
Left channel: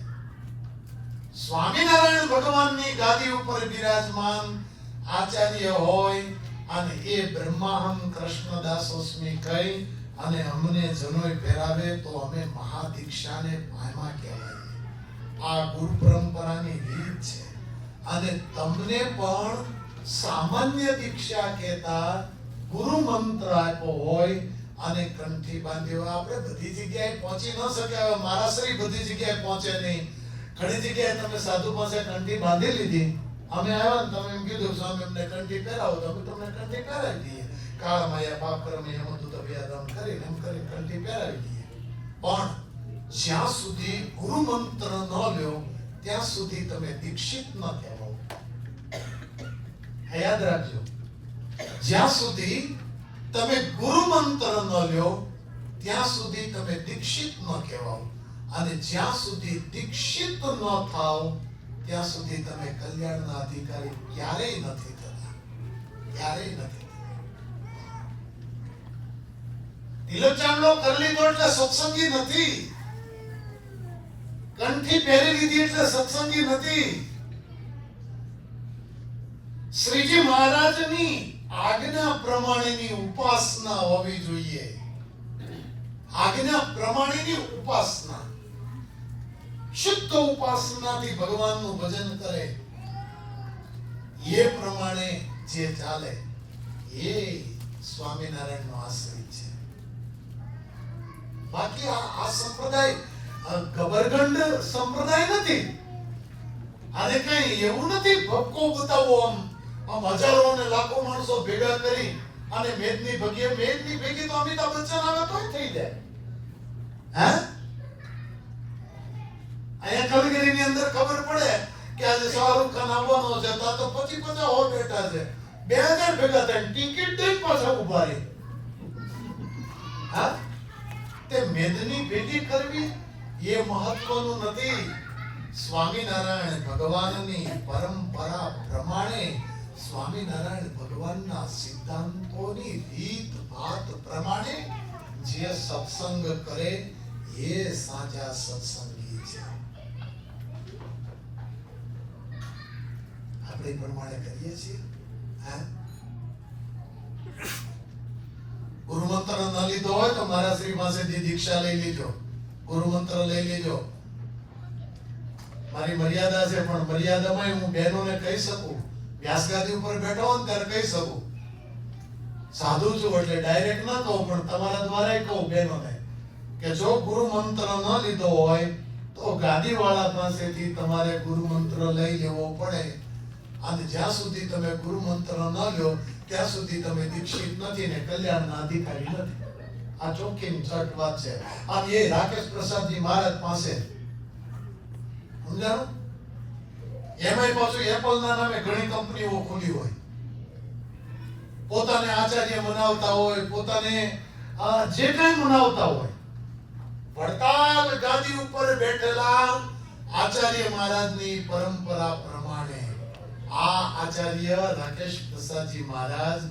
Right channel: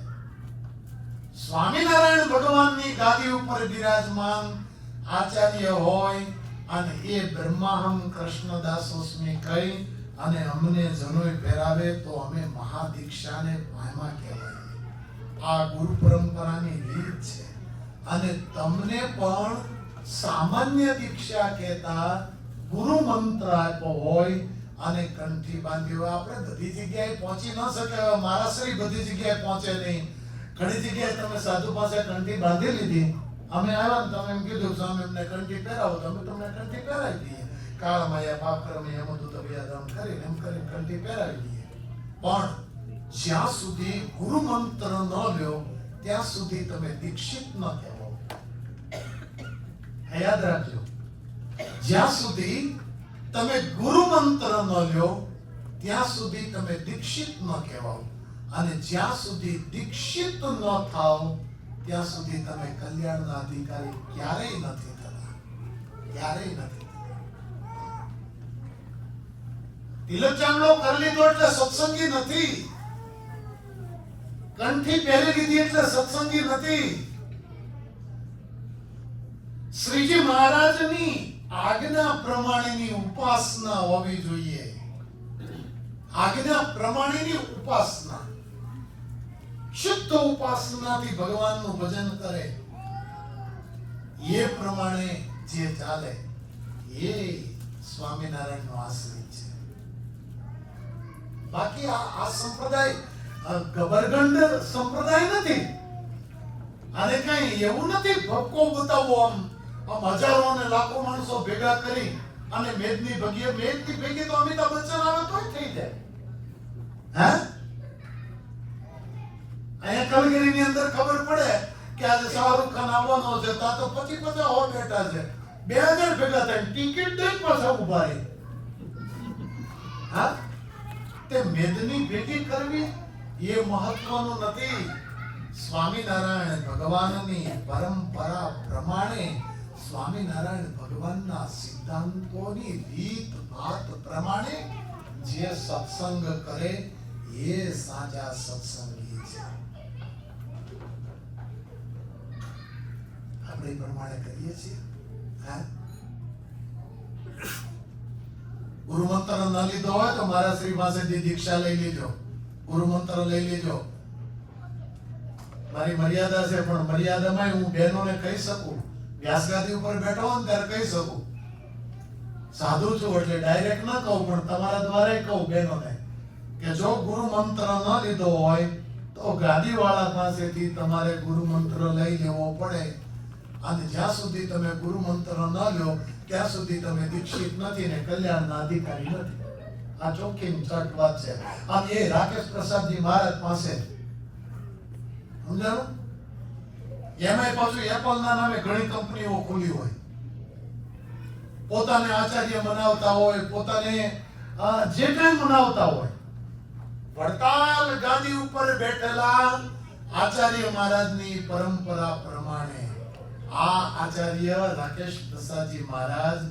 સ્વામિનારાયણ ભગવાનની ગાદી ઉપર બિરાજમાન આચાર્ય હોય અને એ બ્રહ્માહમ કૃષ્ણદાસોસ્મિ કહી અને અમને જનોઈ પહેરાવે તો અમે મહાદીક્ષાને પામ્યા કહેવાય. આ ગુરુ પરંપરાની રીત છે. અને તમને પણ સામાન્ય દીક્ષા કહેતા ગુરુ મંત્ર આપ્યો હોય અને કંઠી બાંધ્યો. આપણે બધી જગ્યાએ પહોંચી ન શક્યા. મારા શ્રી બધી જગ્યાએ પહોંચે નહીં. ઘણી જગ્યાએ તમે સાધુ પાસે કંઠી બાંધી લીધી. અમે આવ્યા ને તમે એમ કીધું સ્વામી અમને કંઠી પહેરાવો તો અમે તમને કંઠી પહેરાવી દઈએ. કાળામાયા પાપક્રમે એમતું તબિયાદમ કરીને એમ કરીને કંઠી પહેરાવી દઈએ. પણ જ્યાં સુધી ગુરુ મંત્ર ન લ્યો ત્યાં સુધી તમે દીક્ષિત ન કહેવાઓ. યાદ રાખજો, જ્યાં સુધી તમે ગુરુ મંત્ર ન લ્યો ત્યાં સુધી તમે દીક્ષિત ન કહેવાઓ. અને જ્યાં સુધી દીક્ષિત ન થાઓ ત્યાં સુધી તમે કલ્યાણના અધિકારી ક્યારેય નથી થતા. ક્યારેય નથી થતા. તિલક ચાંદલો કરી લીધો એટલે સત્સંગી નથી, કંઠી પહેરી લીધી એટલે સત્સંગી નથી. શ્રીજી મહારાજની આજ્ઞા પ્રમાણેની ઉપાસના હોવી જોઈએ. આજ્ઞા પ્રમાણેની ઉપાસના, શુદ્ધ ઉપાસનાથી ભગવાનનું ભજન કરે, એ પ્રમાણે જે ચાલે એ સ્વામિનારાયણનો આશ્રિત છે. બાકી આ સંપ્રદાય ગબરગંડ સંપ્રદાય નથી. આને કઈ એવું નથી ભપકો બતાવો આમ હજારો અને લાખો માણસો ભેગા કરી અને મેદની ભેગી તો અમિતાભ બચ્ચન આવે તોય થઈ જાય. હે અહીંયા કલગીરીની અંદર ખબર પડે કે આજે શાહરુખ ખાન આવવાનો છે, તો 25-50 હો બેઠા છે, 2000 ભેગા થાય, ટિકિટ દઈને પાછા ઉભા રહે. હા, તે મેદની ભેગી કરવી એ મહત્વનું નથી. સ્વામિનારાયણ ભગવાનની પરંપરા પ્રમાણે, સ્વામિનારાયણ ભગવાનના સિદ્ધાંતોની રીત ભાત પ્રમાણે જે સત્સંગ કરે એ સાચા સત્સંગી છે. આપણે પ્રમાણે કરીએ છીએ. ગુરુ મંત્ર ન લીધો હોય તો મારા શ્રી પાસેથી દીક્ષા લઈ લેજો, ગુરુ મંત્ર લઈ લેજો. મારી મર્યાદા છે, પણ મર્યાદામાં હું બહેનોને કહી શકું, વ્યાસગાદી ઉપર બેઠો હોય ત્યારે કહી શકું. સાધુ છું એટલે ડાયરેક્ટ ના કહું, પણ તમારા દ્વારા કહું બહેનોને કે જો ગુરુ મંત્ર ન લીધો હોય તો ગાદી વાળા પાસેથી તમારે ગુરુ મંત્ર લઈ લેવો પડે. અને જ્યાં સુધી તમે ગુરુ મંત્ર ન લો ત્યાં સુધી તમે દીક્ષિત નથી ને કલ્યાણના અધિકારી નથી. આ ચોખ્ખી ચટ વાત છે. અને એ રાકેશ પ્રસાદજી મહારાજ પાસે સમજાણું. એમાંય પાછું એપલના નામે ઘણી કંપનીઓ ખોલી હોય, પોતાને આચાર્ય મનાવતા હોય, પોતાને જે કઈ મનાવતા હોય, વડતાલ ગાદી ઉપર બેઠેલા આચાર્ય મહારાજની પરંપરા પ્રમાણે આ આચાર્ય રાકેશ પ્રસાદજી મહારાજ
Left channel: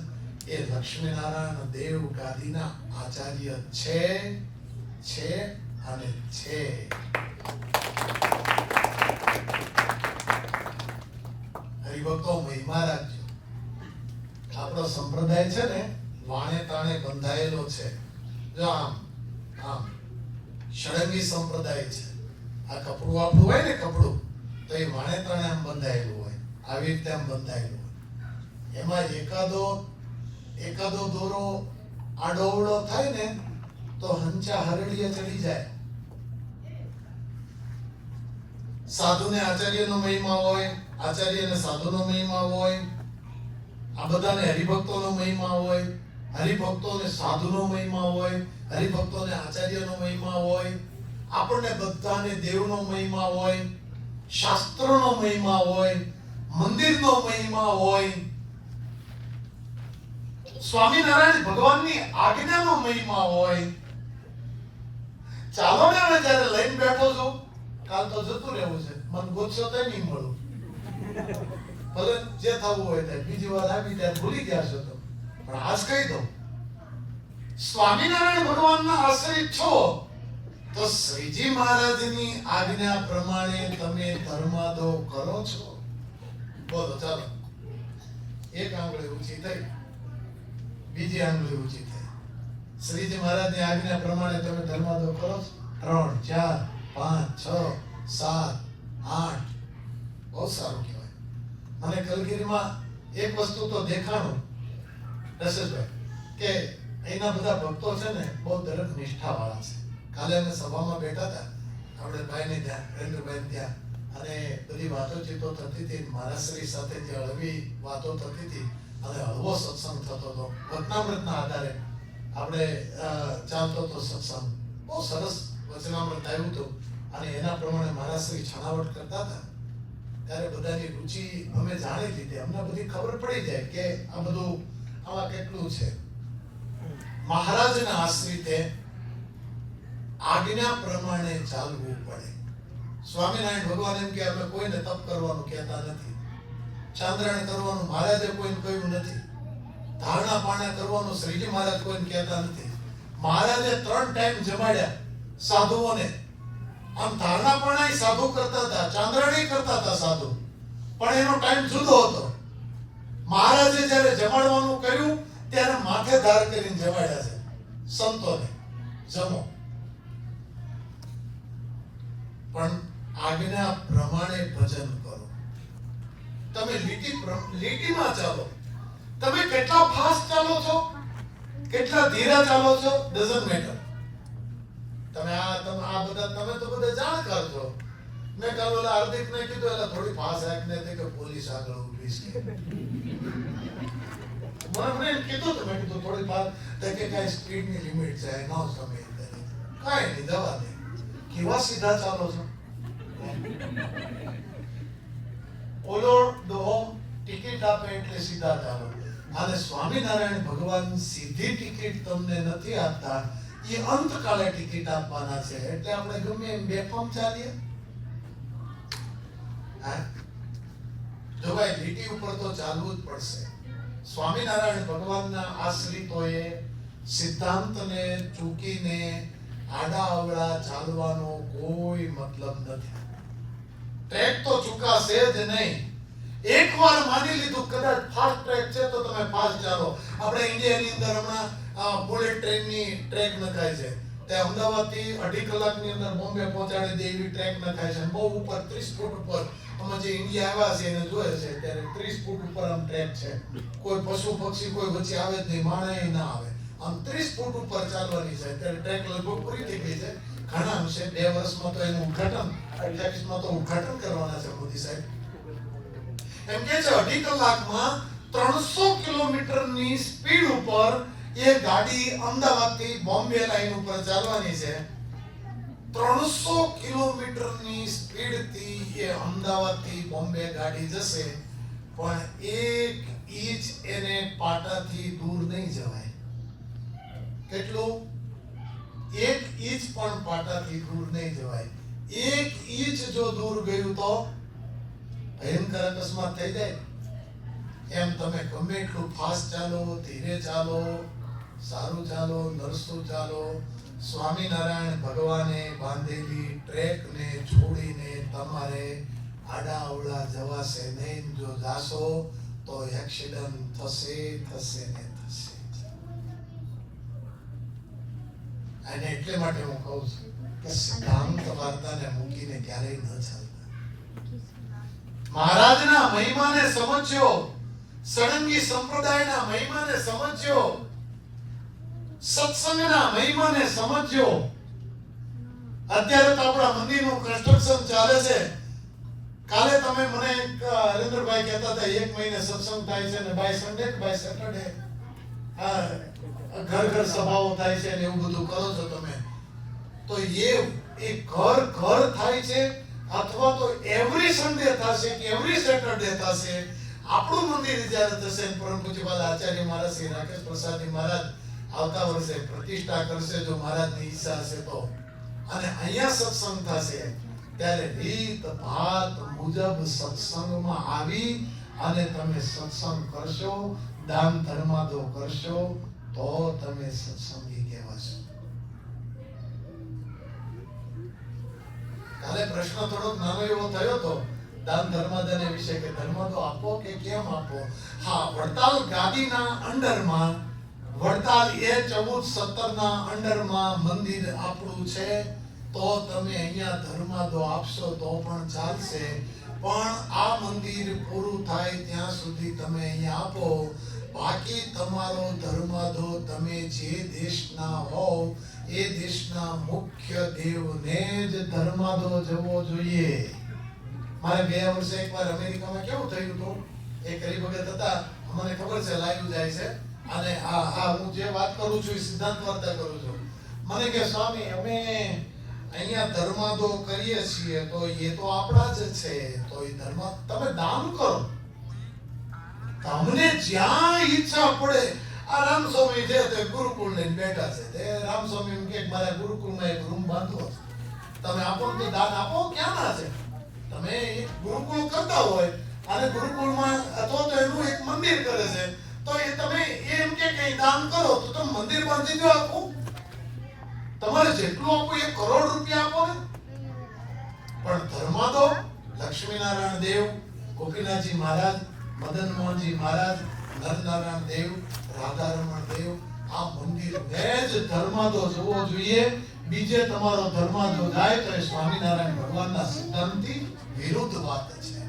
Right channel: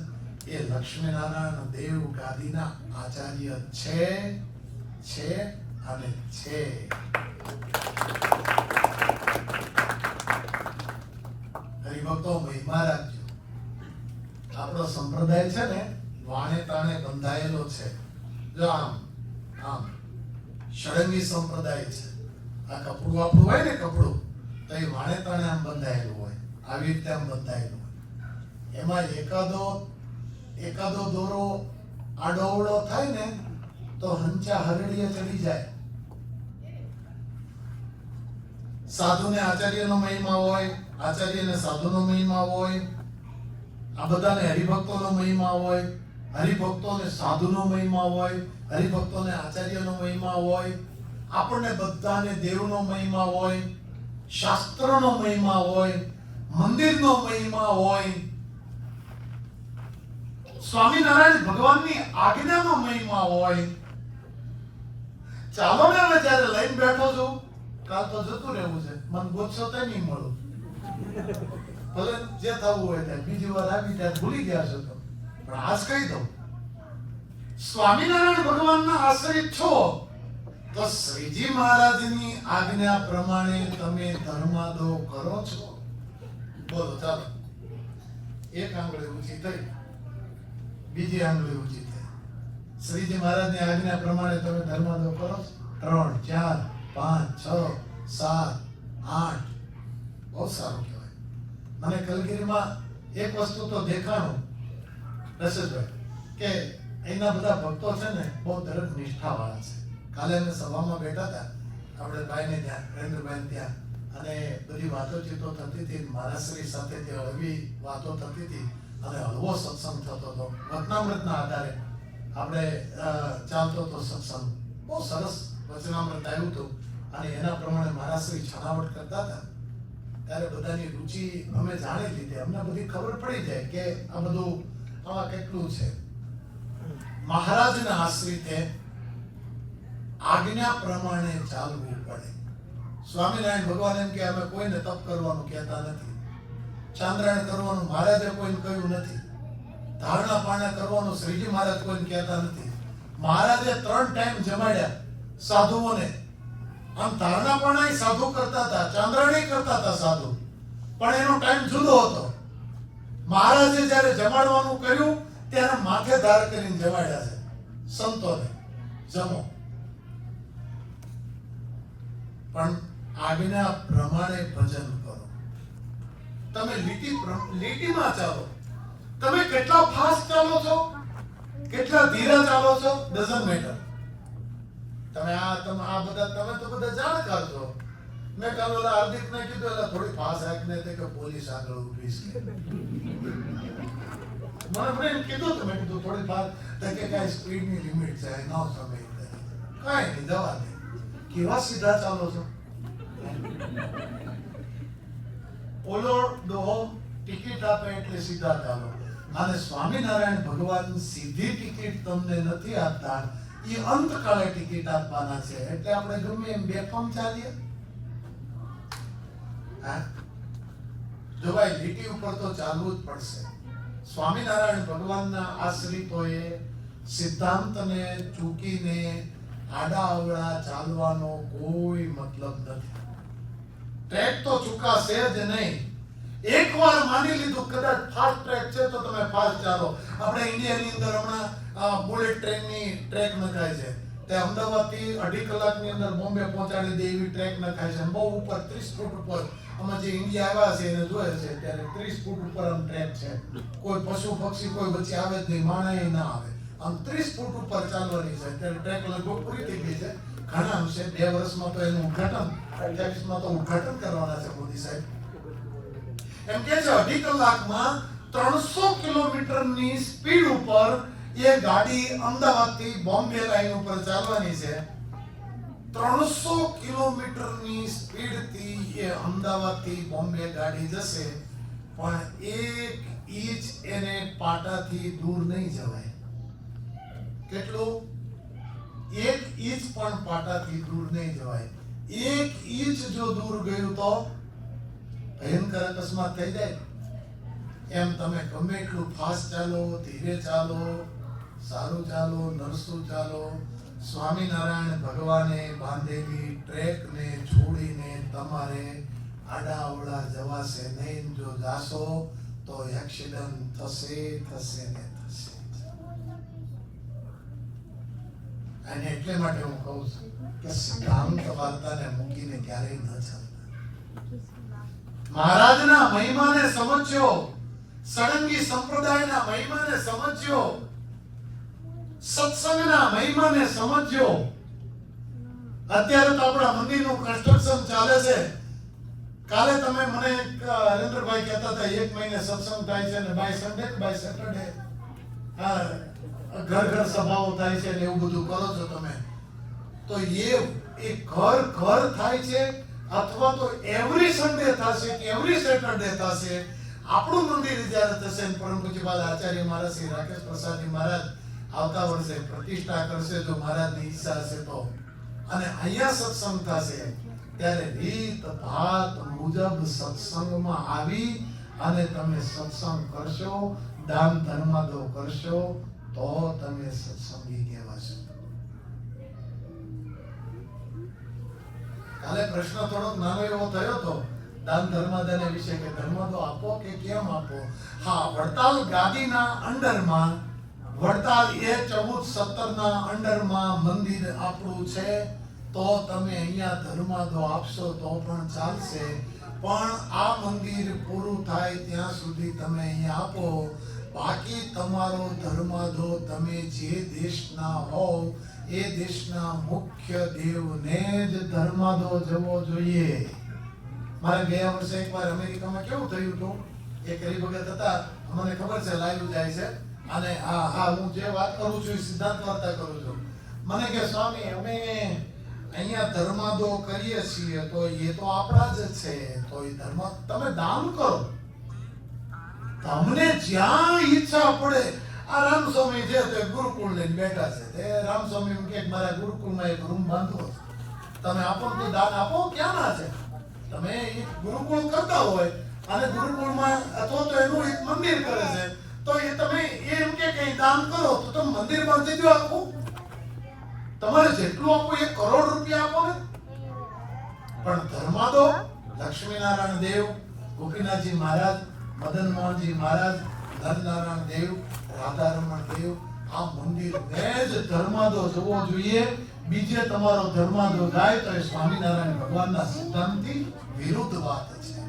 એ લક્ષ્મીનારાયણ દેવ ગાદીના આચાર્ય છે અને છે. હરિભક્તો મહિમા રાખજો. આપણો સંપ્રદાય છે ને વાણે તાણે બંધાયેલો છે. જો આમ ષડંગી સંપ્રદાય છે. આ કપડું આપણું હોય ને, કપડું તો એ વાણે તાણે આમ બંધાયેલું હોય, આવી રીતે આમ બંધાયેલું હોય. એમાં એકાદો દોરો આડોવડો થાય ને તો હંચા હરડીએ ચડી જાય. સાધુને આચાર્યનો મહિમા હોય, આચાર્યને સાધુનો મહિમા હોય, આ બધાને હરિભક્તોનો મહિમા હોય, હરિભક્તોને સાધુનો મહિમા હોય, હરિભક્તોને આચાર્યનો મહિમા હોય, આપણને બધાને દેવનો મહિમા હોય, શાસ્ત્રનો મહિમા હોય, મંદિરનો મહિમા હોય, સ્વામિનારાયણ ભગવાનની આજ્ઞાનો મહિમા હોય. ચાલો ને હવે જયારે લઈને બેઠો છું, કાલ તો જતું રહેવું છે, મને ગોતશો તો નહીં મળું. ભલે જે થવું હોય તે બીજી વાર આવી ત્યારે ભૂલી ગયા છો તો, પણ આજ કહી દઉં, સ્વામિનારાયણ ભગવાનના આશ્રિત છો તો શ્રીજી મહારાજની આજ્ઞા પ્રમાણે તમે ધર્માદો કરો છો. બોલો ચાલો. એક આંગળી ઊંચી થઈ, બીજી આંગળી ઊંચી થઈ. શ્રીજી મહારાજની આજ્ઞા પ્રમાણે તમે ધર્માદો કરો છો. 3, 4, 5, 6, 7, 8. બહુ સારું કહેવાય. મને કલગીરીમાં એક વસ્તુ તો દેખાણું દશરથભાઈ, કે એના બધા ભક્તો છે ને બહુ દરેક નિષ્ઠાવાળા છે. કાલે અમે સભામાં બેઠા હતા, આપણે ભાઈને ત્યાં, નરેન્દ્રભાઈ ત્યાં, અને બધી વાતોચીતો થતી હતી. મારા શ્રી સાથે જે હળવી વાતો થતી હતી અને હળવો સત્સંગ થતો હતો. વચનામૃતના આધારે આપણે ચાલતો હતો સત્સંગ. બહુ સરસ વચનામૃત આવ્યું હતું અને એના પ્રમાણે મારા શ્રી છણાવટ કરતા હતા. ત્યારે બધાની રુચિ અમે જાણી લીધી. અમને બધી ખબર પડી જાય કે આ બધું આમાં કેટલું છે. મહારાજના આશ્રિતે આજ્ઞા પ્રમાણે ચાલવું પડે. સ્વામિનારાયણ ભગવાન એમ કે અમે કોઈને તપ કરવાનું કહેતા નથી, ચાંદ્રાયણ કરવાનું મહારાજે કોઈને કહ્યું નથી, ધારણા પારણા કરવાનું શ્રીજી મહારાજ કોઈને કહેતા નથી. મહારાજે 3 ટાઈમ જમાડ્યા સાધુઓને. આમ ધારણા પણ સાધુ કરતા હતા, ચાંદ્રાણી કરતા હતા સાધુ, પણ એનો ટાઈમ જુદો હતો. મહારાજે જ્યારે જમાડવાનું કર્યું ત્યારે માથે ધાર કરીને જમાડ્યા છે સંતોને, જમો. પણ આજ્ઞા પ્રમાણે ભજન કરો. તમે લીટીમાં ચાલો. તમે કેટલા ફાસ્ટ ચાલો છો, કેટલા ધીરા ચાલો છો, ડઝન્ટ મેટર. તમે તો બધા જાણકાર છો. મેં કાલ ઓલા હાર્દિકને કીધું એટલે થોડી ફાસ્ટ રાખને કે પોલીસ આગળ ઊભી છે. મને કીધું તો મેં કીધું થોડી ફાસ્ટ કે કઈ સ્પીડની લિમિટ છે, નો સમય કાંઈ નહીં, દવા દે. કેવા સીધા ચાલો છો. ઓલો દોહો ટિકિટ આપે એટલે સીધા ચાલો. અને સ્વામિનારાયણ ભગવાન સીધી ટિકિટ તમને નથી આપતા, એ અંતકાળે ટિકિટ આપવાના છે. એટલે આપણે ગમે એમ બેફામ ચાલીએ. જો ભાઈ લીટી ઉપર તો ચાલવું જ પડશે. સ્વામિનારાયણ ભગવાનના આશ્રિતોએ સિદ્ધાંતને ચૂકીને આડા અવળા ચાલવાનો કોઈ મતલબ નથી. ટ્રેક તો ચૂકાશે જ નહીં. એકવાર માની લીધું કદાચ ફાસ્ટ ટ્રેક છે તો તમે ફાસ્ટ ચાલો. આપણે ઇન્ડિયાની અંદર હમણાં બુલેટ ટ્રેનની ટ્રેક નખાય છે. તે અમદાવાદથી 2.5 કલાકની અંદર બોમ્બે પહોંચાડી દે એવી ટ્રેક નખાય છે. બહુ ઉપર 30 ફૂટ ઉપર અમે જે ઇન્ડિયા આવ્યા છે એને જોયે છે ત્યારે 30 ફૂટ ઉપર આમ ટ્રેક છે. કોઈ પશુ પક્ષી કોઈ વચ્ચે આવે જ નહીં, માણસ ના આવે. આમ 30 ફૂટ ઉપર ચાલવાની છે. ત્યારે ટ્રેક લગભગ પૂરી થઈ ગઈ છે. ઘણા અંશે 2 વર્ષમાં તો એનું ઉદ્ઘાટન 28માં તો ઉદ્ઘાટન કરવાના છે મોદી સાહેબ. એમ કે છે 2.5 કલાકમાં 300 કિલોમીટરની સ્પીડ ઉપર એ ગાડી અમદાવાદથી બોમ્બે લાઈન ઉપર ચાલવાની છે. 300 કિલોમીટરની સ્પીડથી એ અમદાવાદથી બોમ્બે ગાડી જશે, પણ 1 ઇંચ એને પાટાથી દૂર નહીં જવાય. કેટલું? 1 ઇંચ પણ પાટાથી દૂર નહીં જવાય. 1 ઇંચ જો દૂર ગયું તો ભયંકર અકસ્માત થઈ જાય. એમ તમે ગમે એટલું ફાસ્ટ ચાલો, ધીરે ચાલો, સારું ચાલો, નરસું ચાલો, સ્વામિનારાયણ ભગવાને બાંધેલી ટ્રેકને છોડીને તમારે આડા અવળા જવાશે નહીં. જો જાશો તો એક્સિડન્ટ થશે ને થશે. અને એટલે માટે હું કહું છું કે સિદ્ધાંત વાર્તાને મૂકીને ક્યારેય ન ચાલતા. મહારાજના મહિમાને સમજ્યો, સળંગી સંપ્રદાયના મહિમાને સમજ્યો, સત્સંગના મહિમાને સમજ્યો. અત્યારે તો આપણા મંદિરનું કન્સ્ટ્રક્શન ચાલે છે. કાલે તમે મને હરેન્દ્રભાઈ કહેતા હતા 1 મહિને સત્સંગ થાય છે ને બાય સન્ડે કે બાય સેટરડે ઘર સભાઓ થાય છે ને એવું બધું કરો છો તમે. તો એ ઘર થાય છે અથવા તો એવરી સન્ડે થશે કે એવરી સેટરડે થશે. આપણું મંદિર જ્યારે થશે, પરમ પૂજ્યપાદ આચાર્ય મહારાજ શ્રી રાકેશ પ્રસાદજી મહારાજ આવતા વર્ષે પ્રતિષ્ઠા કરશે જો મહારાજની ઈચ્છા હશે તો, અને અહીંયા સત્સંગ થશે ત્યારે રીત ભાત મુજબ સત્સંગમાં આવી અને તમે સત્સંગ કરશો, દાન ધર્માદો કરશો તો તમે સત્સંગી કહેવાશો. કાલે પ્રશ્ન થોડોક નાનો એવો થયો હતો દાન ધર્માદાને વિશે કે ધર્માદો આપો કે કેમ આપો. હા, વડતાલ ગાદીના અંડરમાં, વડતાલ A14-17 ના અંડરમાં મંદિર આપણું છે તો તમે અહીંયા ધર્માદો આપશો તો પણ ચાલશે. પણ આ મંદિર પૂરું થાય ત્યાં સુધી તમે અહીંયા આપો. બાકી તમારો ધર્માદો તમે જે દેશના હોવ એ દેશના મુખ્ય દેવને જ ધર્માદો જવો જોઈએ. મારે ગયા વર્ષે એકવાર અમેરિકામાં કેવું થયું હતું, એક હરિભગત હતા, મને ખબર છે લાઈવ જાય છે, અને હા હું જે વાત કરું છું એ સિદ્ધાંત વાર્તા કરું છું. મને કે સ્વામી અમે અહીંયા ધર્માદો કરીએ છીએ તો એ તો આપણા જ છે, તો એ ધર્મ તમે દાન કરો. તમને જ્યાં ઈચ્છા પડે. આ રામસ્વામી છે તે ગુરુકુળ લઈને બેઠા છે. તે રામસ્વામી એમ કે મારા ગુરુકુળમાં એક રૂમ બાંધવો છે, તમે આપો તો દાન આપો. ક્યાં ના છે? તમે એક ગુરુકુળ કરતા હોય અને ગુરુકુળમાં અથવા તો એનું એક મંદિર કરે છે તો એ તમે એમ કે કઈ દાન કરો તો તમે મંદિર બાંધી દો આખું. તમારે જેટલું આપો 1 કરોડ રૂપિયા આપો ને, પણ ધર્માદો લક્ષ્મીનારાયણ દેવ, ગોપીનાથજી મહારાજ, મદન મોહનજી મહારાજ, નરનારાયણ દેવ, રાધારમણ દેવ, આ મંદિરને જ ધર્માદો જોવો જોઈએ. બીજે તમારો ધર્માદો જાય તો એ સ્વામિનારાયણ ભગવાનના સિદ્ધાંતથી વિરુદ્ધ વાત છે.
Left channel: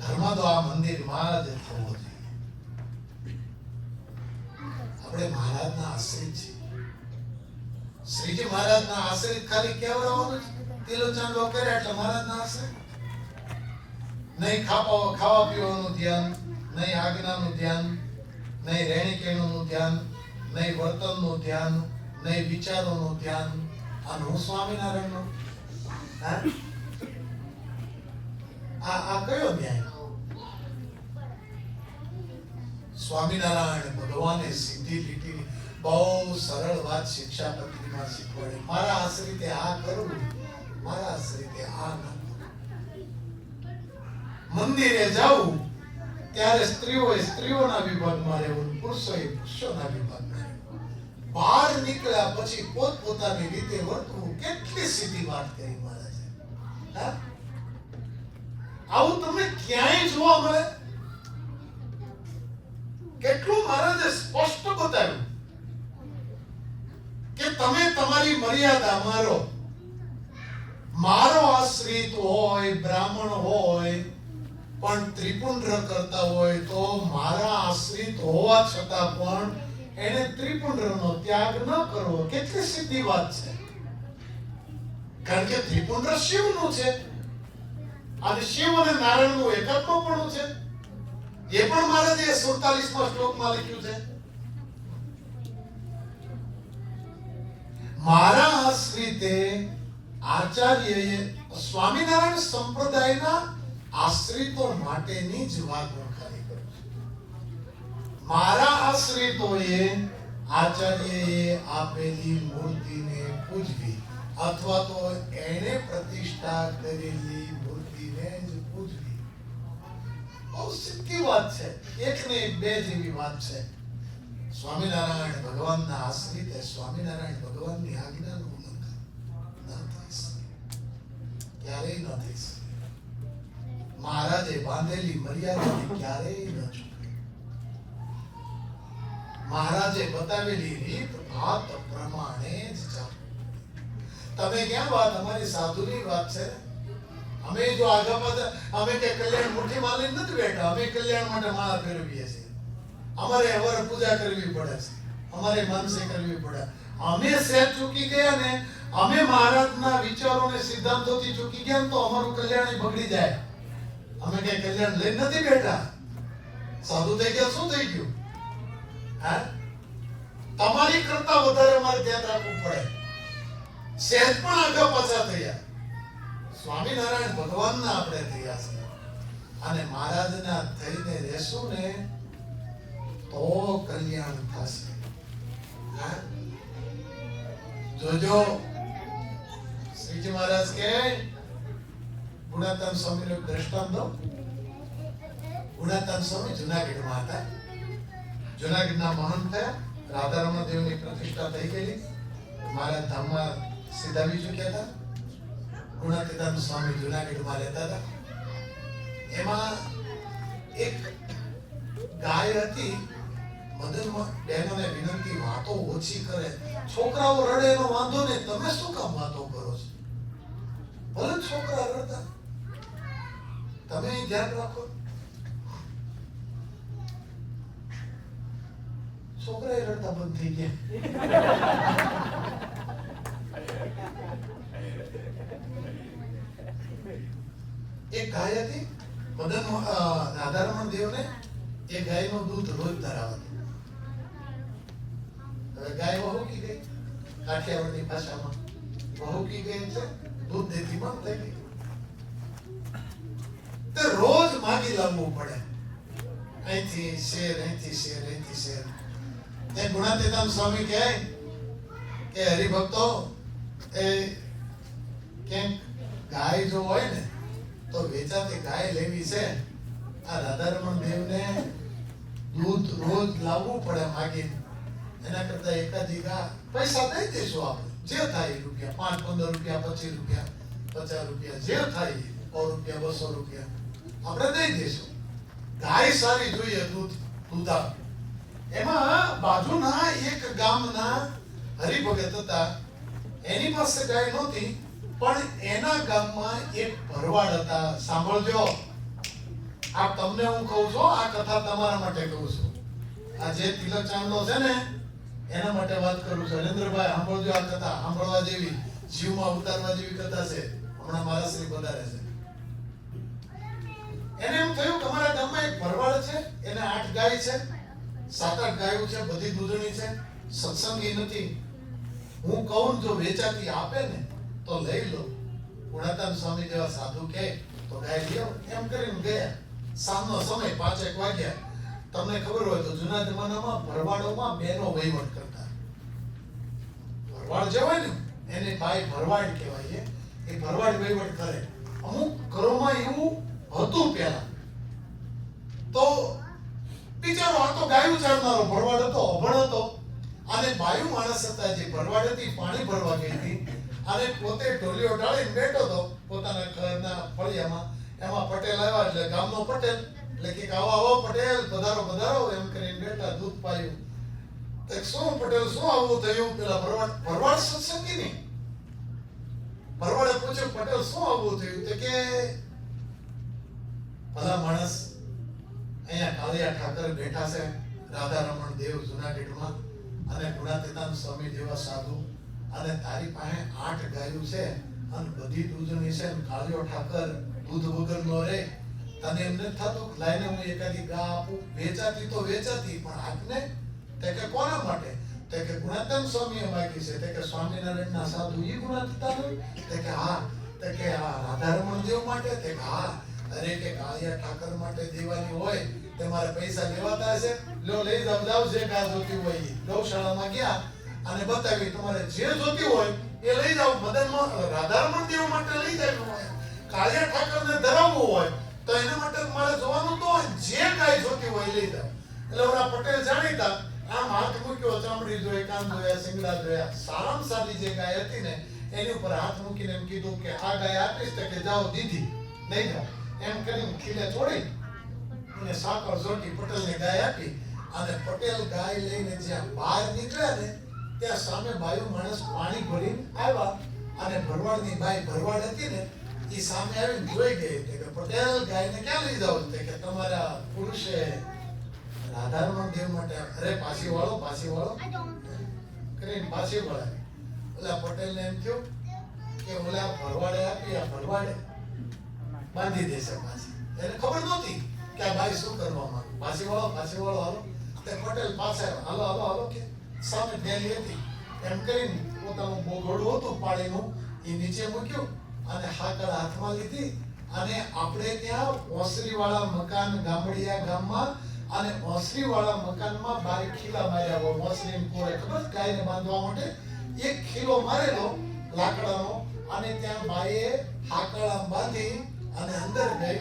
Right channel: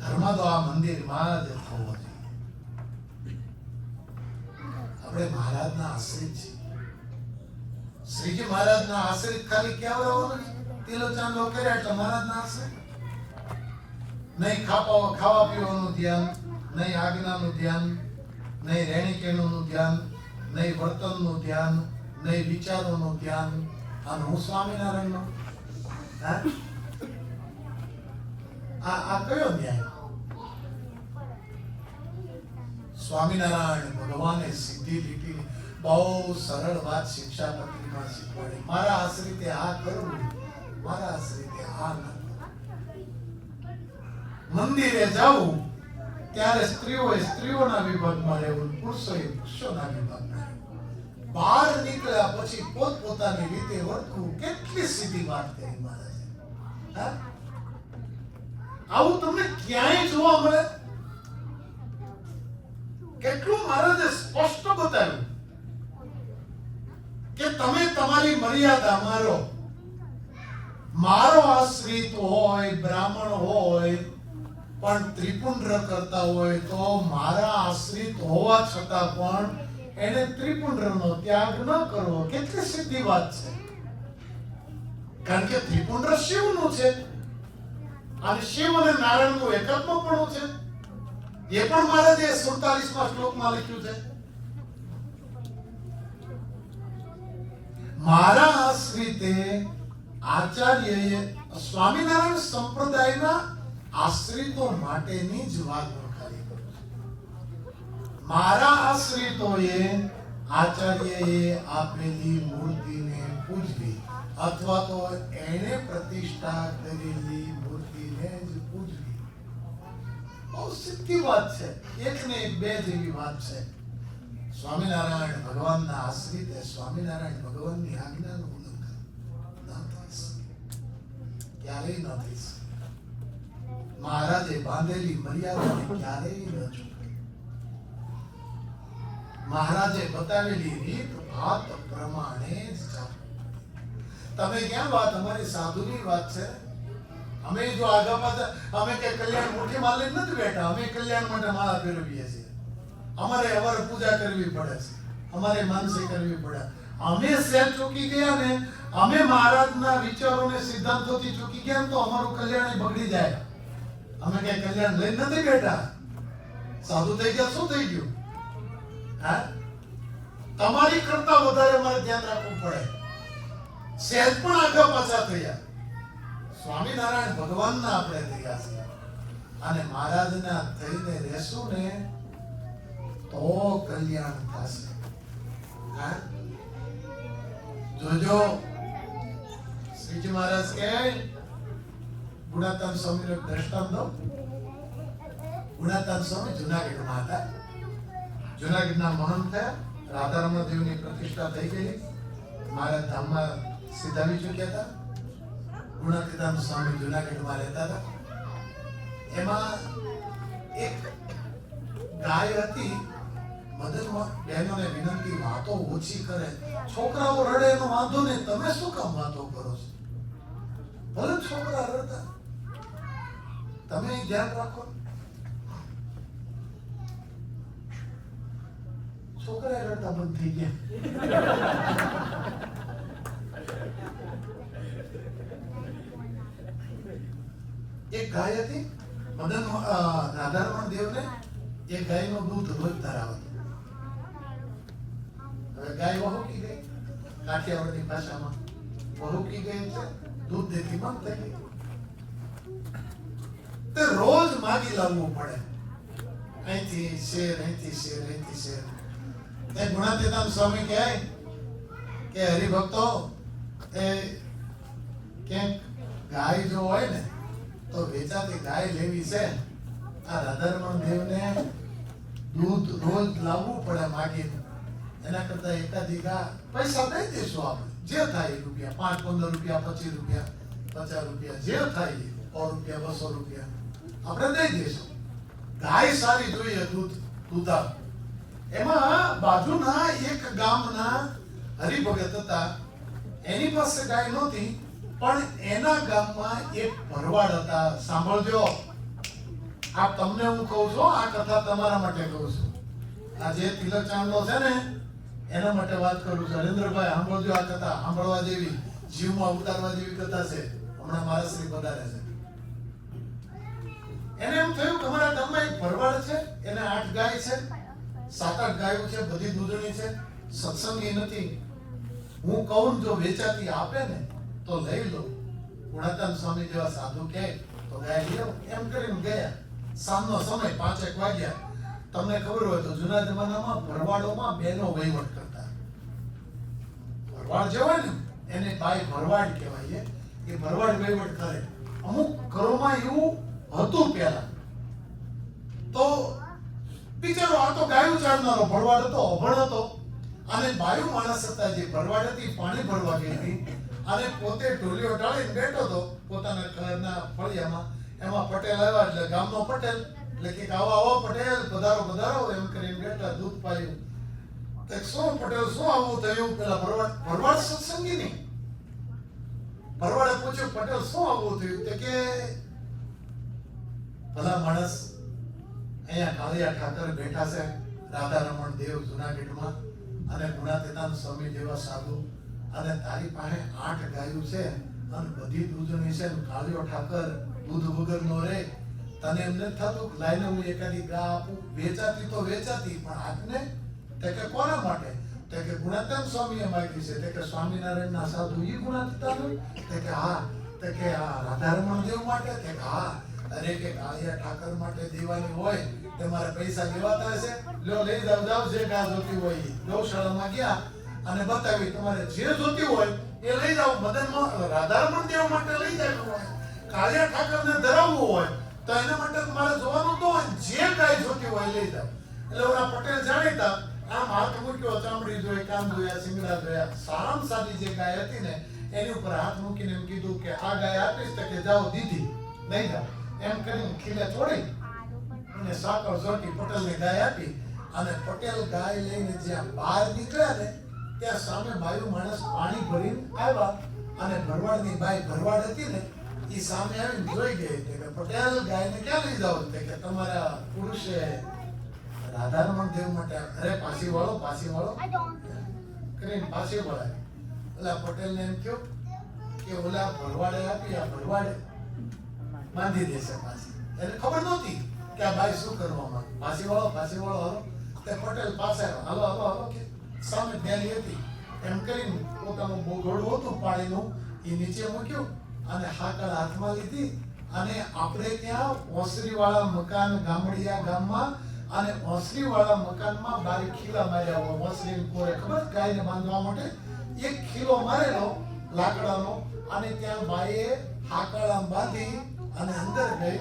ધર્માદો આ મંદિરમાં જ થવો જોઈએ. આપણે મહારાજના આશ્રિત છીએ. શ્રીજી મહારાજના આશ્રિત ખાલી કેવડાવવાનું છે, તિલોચન લો કરે એટલે મહારાજના આશ્રિત. નહીં ખાવા પીવાનું ધ્યાન, નહીં આજ્ઞાનું ધ્યાન, નહીં રહેણી કહેણીનું ધ્યાન, નહીં વર્તનનું ધ્યાન, નહીં વિચારોનું ધ્યાન. અને હું સ્વામિનારાયણનું આ કયો ન્યાય? સ્વામિનારાયણ ભગવાને સીધી લીટી બહુ સરળ વાત શિક્ષાપત્રીમાં શીખવાડી. મારા આશ્રિતે આ કરવું, મારા આશ્રિતે આ ન કરવું. મંદિરે જાવું ત્યારે સ્ત્રીઓએ સ્ત્રીઓના વિભાગમાં રહેવું, પુરુષોએ પુરુષોના વિભાગમાં રહેવું. બહાર નીકળ્યા પછી પોતપોતાની રીતે વર્તવું. કેટલી સીધી વાત કરી મહારાજે. આવું તમને ક્યાંય જોવા મળે? કેટલું મહારાજે સ્પષ્ટ બતાવ્યું કે તમે તમારી મર્યાદા મારો. મારો આશ્રિત હોય, બ્રાહ્મણ હોય, પણ ત્રિપુંડ્ર કરતા હોય તો મારા આશ્રિત હોવા છતાં પણ એને ત્રિપુંડ્રનો ત્યાગ ન કરવો. કેટલી સીધી વાત છે. કારણ કે ત્રિપુંડ્ર શિવનું છે અને શિવ અને નારાયણનું એકાત્મપણું છે. એ પણ મહારાજે 47મા શ્લોકમાં લખ્યું છે. મારા આશ્રિતે આચાર્યએ સ્વામિનારાયણ સંપ્રદાયના આશ્રિતો માટેની જ વાત હું કરી કરું છું. મારા આશ્રિતોએ આચાર્યએ આપેલી મૂર્તિને પૂજવી અથવા તો એને પ્રતિષ્ઠા કરેલી મૂર્તિને જ પૂજવી. બહુ સીધી વાત છે. એક ને એક બે જેવી વાત છે. સ્વામિનારાયણ ભગવાનના આશ્રિતે સ્વામિનારાયણ ભગવાનની આજ્ઞાનું ઉલ્લંઘન ન થઈ શકે, ક્યારેય ન થઈ શકે. મહારાજે બાંધેલી મર્યાદાને ક્યારેય ન ચૂકે. મહારાજે બતાવેલી રીત ભાત પ્રમાણે જ ચાલવું. તમે ક્યાં વાત? અમારી સાધુની વાત છે. અમે જો આગા પાછા અમે કે કલ્યાણ મુઠ્ઠી માલી નથી બેઠા. અમે કલ્યાણ માટે માળા ફેરવીએ છીએ. અમારે અવર પૂજા કરવી પડે છે, અમારે માનસી કરવી પડે. અમે સેલ ચૂકી ગયા ને, અમે મહારાજના વિચારોને સિદ્ધાંતોથી ચૂકી ગયા ને તો અમારું કલ્યાણ બગડી જાય. અમે કે કલ્યાણ લઈને નથી બેઠા. સાધુ થઈ ગયા શું થઈ ગયું? હા, તમારી કરતા વધારે અમારે ધ્યાન રાખવું પડે. સહેજ પણ આગળ પાછા થયા. સ્વામિનારાયણ ભગવાનના આપણે થયા છે અને મહારાજના થઈને રહેશું ને તો કલ્યાણ થશે. હા, જોજો. શ્રીજી મહારાજ કે ગુણાતાન સ્વામીનો એક દ્રષ્ટાંત દો. ગુણાતાન સ્વામી જુનાગઢમાં હતા. જુનાગઢના મહંત થયા. રાધારમણ દેવની પ્રતિષ્ઠા થઈ ગયેલી. મહારાજ ધામમાં સીધાવી ચૂક્યા હતા. ગુણાતીતાન સ્વામી જુનાગઢમાં રહેતા હતા. એમાં એક ગાય હતી. મદન બહેનોને વિનંતી, વાતો ઓછી કરે. છોકરાઓ રડે એનો વાંધો નહીં, તમે શું કામ વાતો કરો છો? ભલે છોકરા રડતા, તમે ધ્યાન રાખો. છોકરા રડતા બંધ થઈ ગયા. એક ગાય હતી. મદન રાધારમણ દેવને એ ગાયનું દૂધ રોજ ધરાવતું. હવે ગાય વહુકી ગઈ. કાઠિયાવાડની ભાષામાં વહુકી ગઈ એટલે દૂધ દેતી બંધ થઈ ગઈ. તે રોજ માગી લાવવું પડે. અહીંથી શેર, અહીંથી શેર, અહીંથી શેર. તે ગુણાતીતાન સ્વામી કહે કે હરિભક્તો, એ ક્યાંક ગાય જો હોય ને તો વેચાતી ગાય લેવી છે. આ રાધારમણ દેવને દૂધ રોજ લાવવું પડે માગીને. એના કરતા એકાદી ગા પૈસા દઈ દેશું આપણે, જે થાય એ રૂપિયા, 5-15 રૂપિયા, 25 રૂપિયા, 50 રૂપિયા, જે થાય 100 રૂપિયા, 200 રૂપિયા આપણે દઈ દેશું. ગાય સારી જોઈએ, દૂધાળ. એમાં બાજુના એક ગામના હરિભગત હતા, એની પાસે ગાય નહોતી, પણ એના ગામમાં એક ભરવાડ હતા. સાંભળજો, આ તમને હું કહું છું, આ કથા તમારા માટે કહું છું. આ જે તિલક ચાંદલો છે ને એના માટે વાત કરું છું. હરેન્દ્રભાઈ સાંભળજો, આ કથા સાંભળવા જેવી, જીવમાં ઉતારવા જેવી કથા છે. હમણાં મારા શ્રી પધારે છે. એને એમ થયું કે અમારા ગામમાં એક ભરવાડ છે, એને 8 ગાય છે, 7-8 ગાયો છે, બધી દૂધણી છે, સત્સંગી નથી. હું કહું જો વેચાતી આપે ને તો લઈ લો. ગુણાતાન સ્વામી જેવા સાધુ કહે તો ગાય લઈ આવો. એમ કરીને ગયા. સાંજનો સમય 5-1 વાગ્યા. તમને ખબર હોય તો જૂના જમાનામાં ભરવાડોમાં બહેનો વહીવટ કરતા. ભરવાડ જે હોય ને એને બાઈ ભરવાડ કહેવાય. એ ભરવાડ વહીવટ કરે. અમુક ઘરોમાં એવું હતું પહેલા. તો બિચારો આ તો ગાયું ચારનારો ભરવાડ હતો, અભણ હતો, અને બાયું માણસ હતા. જે ભરવાડ હતી પાણી ભરવા ગઈ હતી અને પોતે ઢોલીઓ ઢાળીને બેઠો હતો પોતાના ઘરના ફળિયામાં. એમાં પટેલ આવ્યા એટલે ગામનો પટેલ એટલે કે આવો આવો પટેલ, પધારો પધારો એમ કરીને બેઠા. દૂધ પાયું. તો શું પટેલ, શું આવું થયું? પેલા ભરવાડ સત્સંગી નહીં. ભરવાડે પૂછ્યું, પટેલ શું આવું થયું? તે કે ભલા માણસ, અહીંયા કાળિયા ઠાકર બેઠા છે, રાધારમણ દેવ જુનાગઢમાં, અને ગુણાતીતાન સ્વામી જેવા સાધુ, અને તારી પાસે 8 ગાયો છે અને બધી દૂધણી છે, અને કાળિયો ઠાકર દૂધ વગરનો રે. તને એમ નથી થતું લાઈને હું એકાદી ગા આપું? વેચાતી તો વેચાતી, પણ આજને તે કે કોના માટે? તે કે ગુણાતીતાન સ્વામીએ માગી છે. તે કે સ્વામિનારાયણના સાધુ ઈ ગુણાતીતાન? તે કે હા. તે કે આ રાધારમણ દેવ માટે? તે કે હા. અરે કે કાળિયા ઠાકર માટે દેવાની હોય તમારે પૈસા લેવાતા હશે? લ્યો લઈ જાવ, જે ગા જોતી હોય એ. ગૌશાળામાં ગયા અને બતાવી, તમારે જે જોતી હોય એ લઈ જાવ. મદનમાં રાધારમણ દેવ માટે લઈ જાય હોય, કાળિયા ઠાકરને ધરાવવું હોય તો એના માટે મારે જોવાનું તો જે ગાય જોતી હોય લઈ જાવ. એટલે ઓલા પટેલ જાણીતા આમ હાથ મૂક્યો, ચામડી જોઈ, કાન જોયા, સિંગડા જોયા. સારામાં સાદી જે ગાય હતી ને એની ઉપર હાથ મૂકીને એમ કીધું કે આ ગાય આપીશ. તો કે જાઓ દીધી, નહીં જાઓ એમ કરીને ખીલે છોડી અને સાકર જોટી પટેલને ગાય આપી. અને પટેલ ગાય લઈને જ્યાં બહાર નીકળ્યા ને ત્યાં સામે બાયું માણસ પાણી ભરીને આવ્યા. અને ભરવાડની બાઈ ભરવાડ હતી ને એ સામે આવીને જોઈ ગઈ. કે પટેલ ગાયને ક્યાં લઈ જાવ? કે તમારા પુરુષે રાધારમણ દેવ માટે. અરે પાછી વાળો કરીને પાછી વળાવી. ઓલા પટેલને એમ થયું કે ઓલા ભરવાડે આપી, આ ભરવાડે બાંધી દેશે પાછી. એને ખબર નહોતી કે આ બાઈ શું કરવા માંગે. પાછી વાળો હાલો. તે પટેલ પાસે આવ્યો, હાલો કે સામે ડેલી હતી એમ કરીને પોતાનું બોગડું હતું પાણીનું એ નીચે મૂક્યું અને હાકળ હાથમાં લીધી. અને આપણે ત્યાં ઓસરી વાળા મકાન ગામડિયા ગામમાં, અને ઓસરી વાળા મકાનમાં બારી ખીલા માર્યા હોય. ઓસરી કોરે ખબર ગાયને બાંધવા માટે એક ખીલો મારેલો લાકડાનો, અને ત્યાં બાઈએ હાકળ બાંધી અને અંદર ગઈ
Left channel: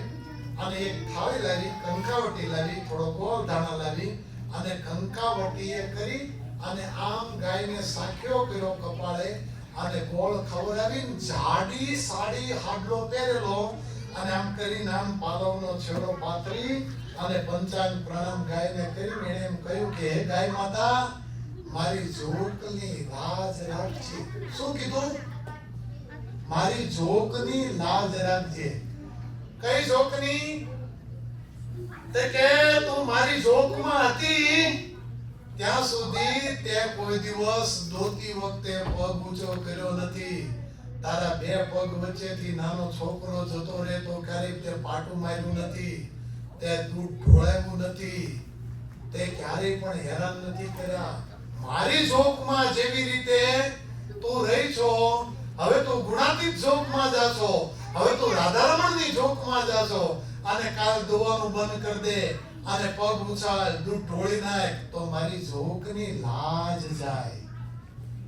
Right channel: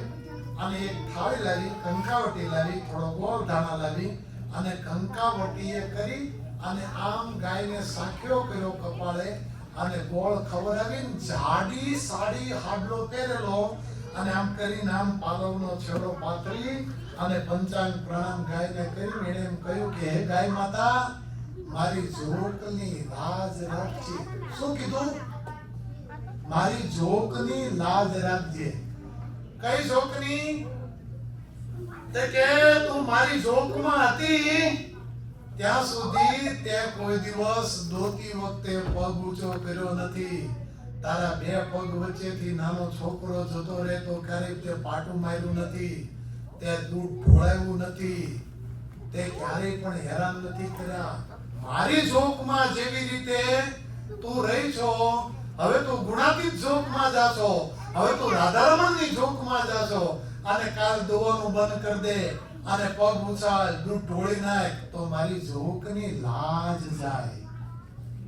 અને એક થાળી લાવી, કંકાવટી લાવી, થોડો ગોળ ધાણા લાવી અને કંકાવટીએ કરી અને આમ ગાયને સાખ્યો કર્યો કપાળે, અને ગોળ ખવડાવીને જાડી સાડી હાડલો પહેરેલો, અને આમ કરીને આમ પાલવનો છેડો પાથરી અને પંચાંગ પ્રણામ ગાયને કરી એણે એમ કહ્યું કે હે ગાય માતા, મારી જોકની લાજ રાખજે. શું કીધું? મારી જોકની લાજ રાખજે. કઈ જોકની? તે કે તું મારી જોકમાં હતી ત્યાં સુધી તે કોઈ દિવસ દોતી વખતે પગ ઊંચો કર્યો નથી. તારા 2 પગ વચ્ચેથી નાનો છોકરો જતો રહે તો ક્યારેક તે પાટું માર્યું નથી. તે દૂધ ઢોળાવ્યું નથી. તે ક્યારેય પણ હેરાન નથી કર્યા. મારી જોકમાં જેવી રીતે તું રહી છો, હવે તું ગુણાતીત જોકમાં જાશો. હવે તું રાધારમણની જોકમાં જાશો. અને કાલ દોવાનું બંધ કરી દે અને પગ ઉછાળ, દૂધ ઢોળી નાખ, તો મારી જોકની લાજ જાય.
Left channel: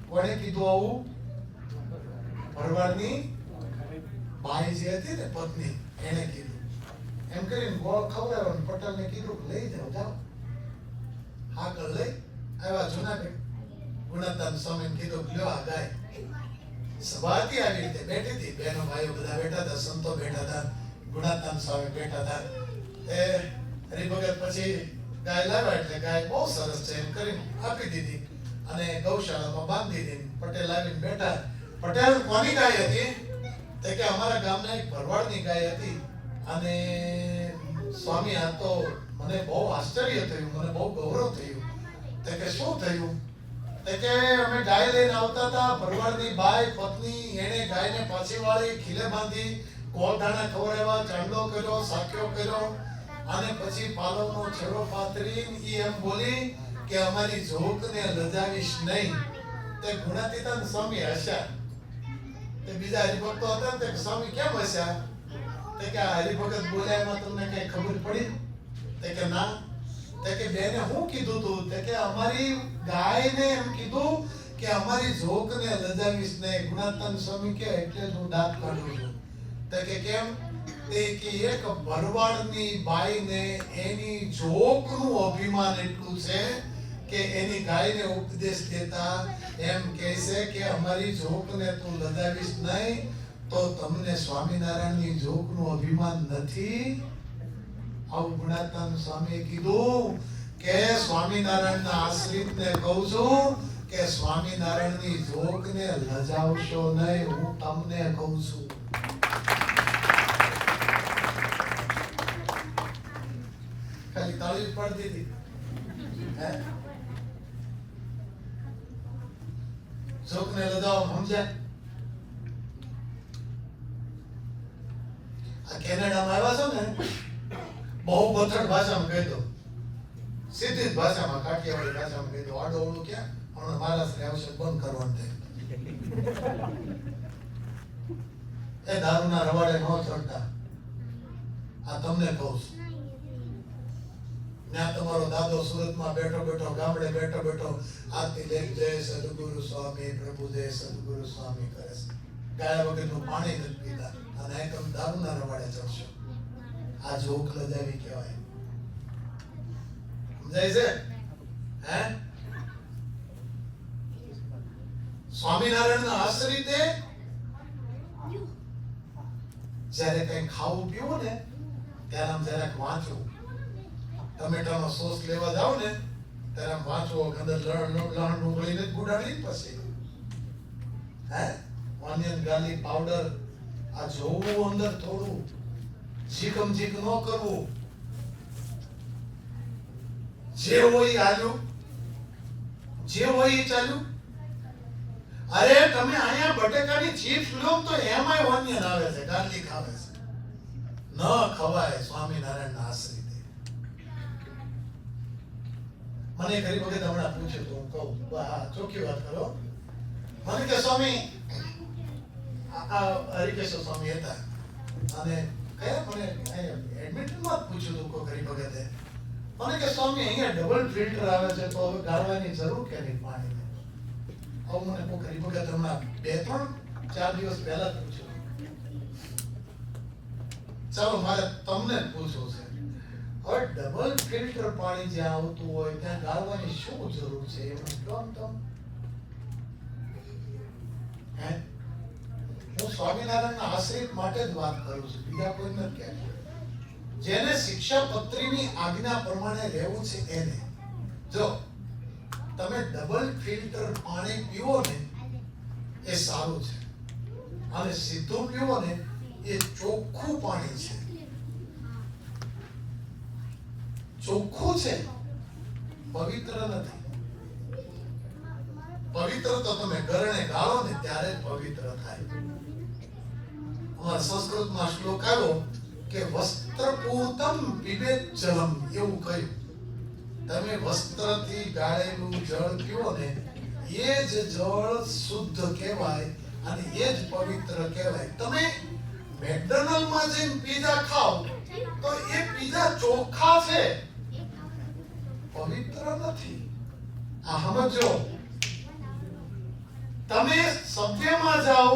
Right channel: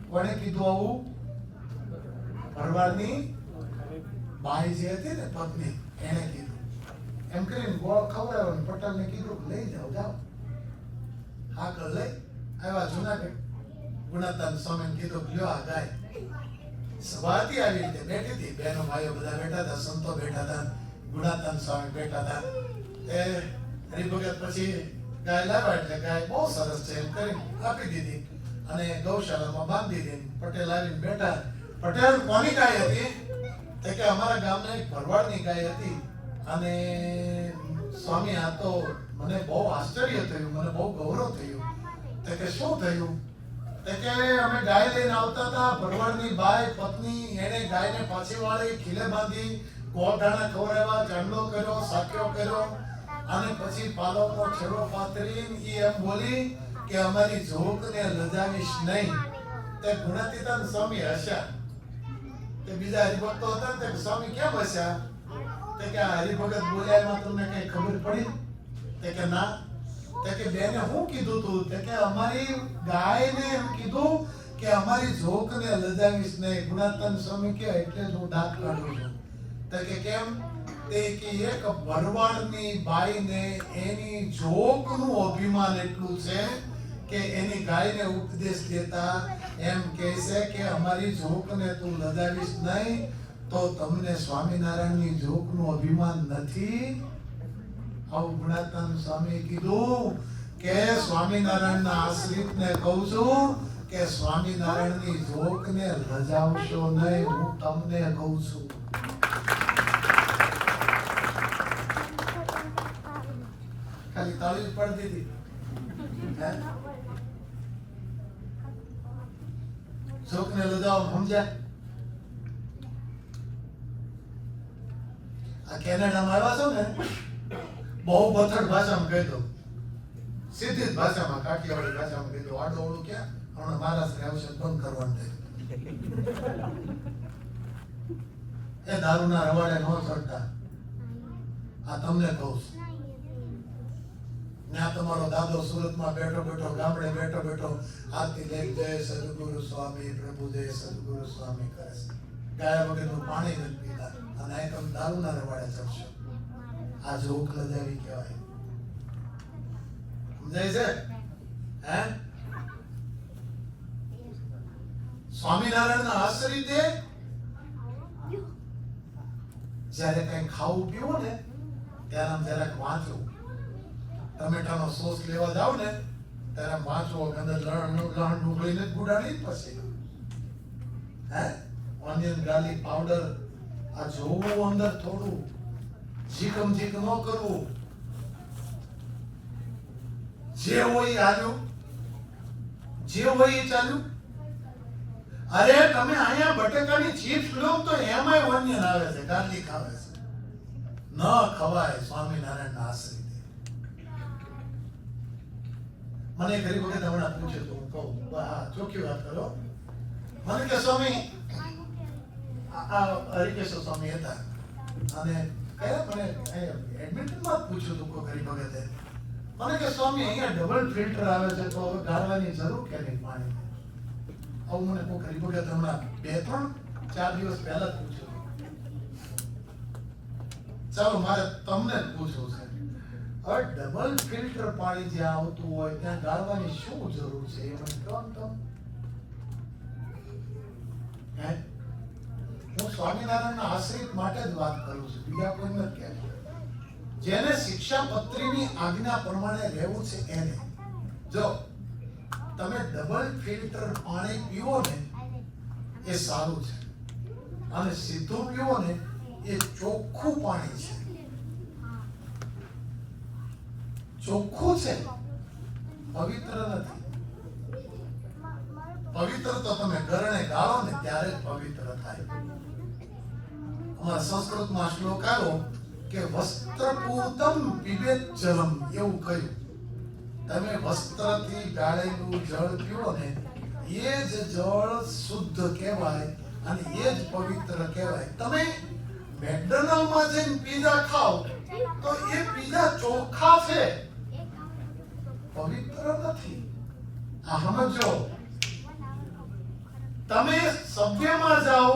કોણે કીધું આવું? ભરવાડની બાઈ જે હતી ને પત્ની, એને કીધું. એમ કરીને ગોળ ખવડાવ્યો. પટેલને કીધું લઈ જાઓ. હાકળ લઈ આવ્યા જુનાગઢ. ગુણાતાન સ્વામીને કીધું લ્યો આ ગાય. સભા હતી આવી રીતે બેઠી હતી, બહેનો ભાઈઓ બધા બેઠા હતા, સંતો બેઠા હતા, ગુણાતાન સ્વામી બેઠા હતા. એ હરિભગત પછી ગાય લાવ્યા એટલે ગાય બહુ સરસ છે એમ કરીને આપી દીધી અને ગૌશાળામાં બાંધી દીધી. પટેલ આવીને બેઠા. પટેલ કોની ગાય હતી? તે કે અમારા ગામના એક ભરવાડની ગાય હતી. અને સ્વામી આ તો મને બહુ આશ્ચર્ય થયું, મને બહુ ગૌરવ થયું. તે કે શું થયું? તે કે અમે ગાય લઈને આવતા હતા, ભરવાડની બાઈ પત્ની એને ગાયને પાછી વાળી, ખીલે બાંધી, ગોળધાણા ખવડાવ્યા, ચાંદલો કર્યો, સાક્યો કર્યો અને પછી પાલોનો છેડો પાથરીને ઈ એમ બોલી કે અમારી જોગને લજાવીશ નહીં. તે ગુણાતીતાન સ્વામી હસ્યા. તે બીજા હરિભક્તો હતા ને તે સ્વામી કેમ હસ્યા? તે કે આ હરિભગત બોલ્યા એમાં તમને કઈ ખબર પડી? તે કે ના. તે કે બેને હું કીધું તું? તે કે અમારી ગાયને એમ કીધું કે અમારી જોગને લજાવીશ નહીં. ગુણાતીતાન સ્વામી કે એટલે જ હું દાંત કાઢું છું. તે કે કેમ? તે કે એક ભરવાડની બાઈને એની જોગનું અભિમાન એટલું છે કે એની ગાયને ઉપદેશ દેતા એમ કહે છે કે અમારી જોગને તું લજાવીશ નહીં. તો તમને સ્વામિનારાયણની જોગનું અભિમાન નથી? આવું ગુણાતીતાન સ્વામીએ કીધું કે સ્વામિનારાયણના આશ્રિતને કહું છું કે સ્વામિનારાયણની જોગને લજાવશો નહીં, હું તમને કહું છું. ખાલી તાળી પડી દીધી. હે જોગને લજાવ સમજ્યા? આ કેનેડામાં આવ્યા છો ને, બહુ બથડ ભાષામાં કહી દો, સીધી જ ભાષામાં, કાઠિયાવાડી ભાષામાં કહી દો. આડો ઓળું ક્યાં હમણાં મહારાષ્ટ્ર આવશે બંધ કરવાનું થાય. એ દારૂના રવાડે ન ચડતા, આ તમને કહું છું. ત્યાં તમારો દાદો સુરતમાં બેઠો બેઠો, ગામડે બેઠો બેઠો આરતી લઈ જય સદગુરુ સ્વામી, પ્રભુ જય સદગુરુ સ્વામી કરે છે. ગાયા વગરનું પાણી નથી પીતા અને અહીં તમે દારૂના રવાડે ચડશો. આ જોગ લજાવી કહેવાય. સમજાય છે? હે સ્વામિનારાયણના આશ્રિતે જ્યારે કઈ ખાવું પીવું ને ત્યારે આમ જરાક વાંચવું. ટમેટાનો સોસ લેવા જાવ ને ત્યારે આમ વાંચવો, અંદર લણ ડુંગળીને જ ગુડાડી પછી હે ઓનિયન ગાર્લિક પાવડર આ જોવું અંદર થોડું, ઝીકમ ઝીક ન કરવું. જે હોય એ હાલ્યું, જે હોય એ ચાલ્યું. અરે તમે અહીંયા બટેકાની ચિપ્સ લો તો એમાંય ઓનિયન આવે છે, ગાર્લિક આવે છે. ન ખવાય સ્વામિનારાયણના આશ્રિતે. મને ગરીબ વખત હમણાં પૂછ્યું તો હું કહું, હા ચોખ્ખી વાત કરો. મને કે સ્વામી હરિકેશ્વર સ્વામી હતા અને કયા મને એડમિટમાં પૂછ્યું હતું કોઈ ગરીબ વખતે. મને કે સ્વામી અહીંયા ડબલ ફિલ્ટર આવે છે તો હવે ગાળવાની જરૂર કે નહીં પાણી? આવું મને કોઈ ગરીબ વખત હમણાં 2-3-4 દિવસ પહેલા જ પૂછ્યું. ચાલો મારે તમને જ પૂછવું છે, હવે ડબલ ફિલ્ટર પાણી જ્યાં આવતું હોય ત્યાં ગાળવાની શું જરૂર છે? એ મને કહો ને તમે. હે હું સ્વામિનારાયણના આશ્રિત માટે જ વાત કરું છું, બીજા કોઈ નથી કહેતો. જેને શિક્ષાપત્રીની આજ્ઞા પ્રમાણે રહેવું છે એને. જો તમે ડબલ ફિલ્ટર પાણી પીવો ને એ સારું છે અને સીધું પીવો ને એ ચોખ્ખું પાણી છે. ચોખ્ખું છે, પવિત્ર નથી. પવિત્ર તો તમે ગરણે ગાળો ને ત્યારે જ પવિત્ર થાય. સંસ્કૃતમાં શ્લોક આવ્યો કે વસ્ત્રપૂતમ પીબેત જલમ, એવું કહ્યું. તમે વસ્ત્રથી ગાળેલું જળ પીવો ને એ જ જળ શુદ્ધ કહેવાય અને એ જ પવિત્ર કહેવાય. તમે મેકડોનાલ્ડમાં જઈને પીઝા ખાઓ તો એ પીઝા ચોખ્ખા છે, પવિત્ર નથી. આ સમજો. તમે સભ્યમાં જાઓ,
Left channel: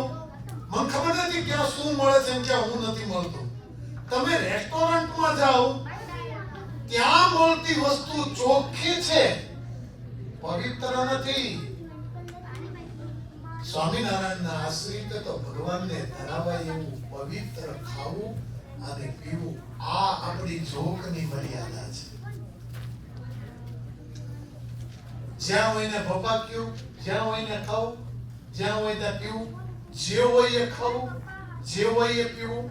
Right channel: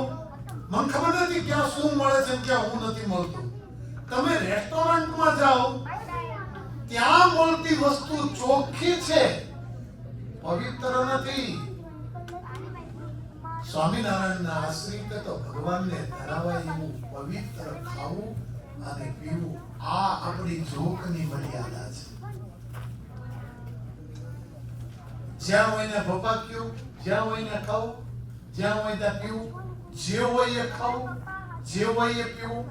મને ખબર નથી ક્યાં શું મળે છે ક્યાં હું નથી મળતું. તમે રેસ્ટોરન્ટમાં જાઓ, ત્યાં મળતી વસ્તુ ચોખ્ખી છે, પવિત્ર નથી. સ્વામિનારાયણના આશ્રિત તો ભગવાનને ધરાવાય એવું પવિત્ર ખાવું અને પીવું, આ આપણી જોખની મર્યાદા છે. જ્યાં હોય ને ભપાક્યું, જ્યાં હોય ને ખાવું, જ્યાં હોય ત્યાં પીવું, જે હોય એ ખાવું, જે હોય એ પીવું,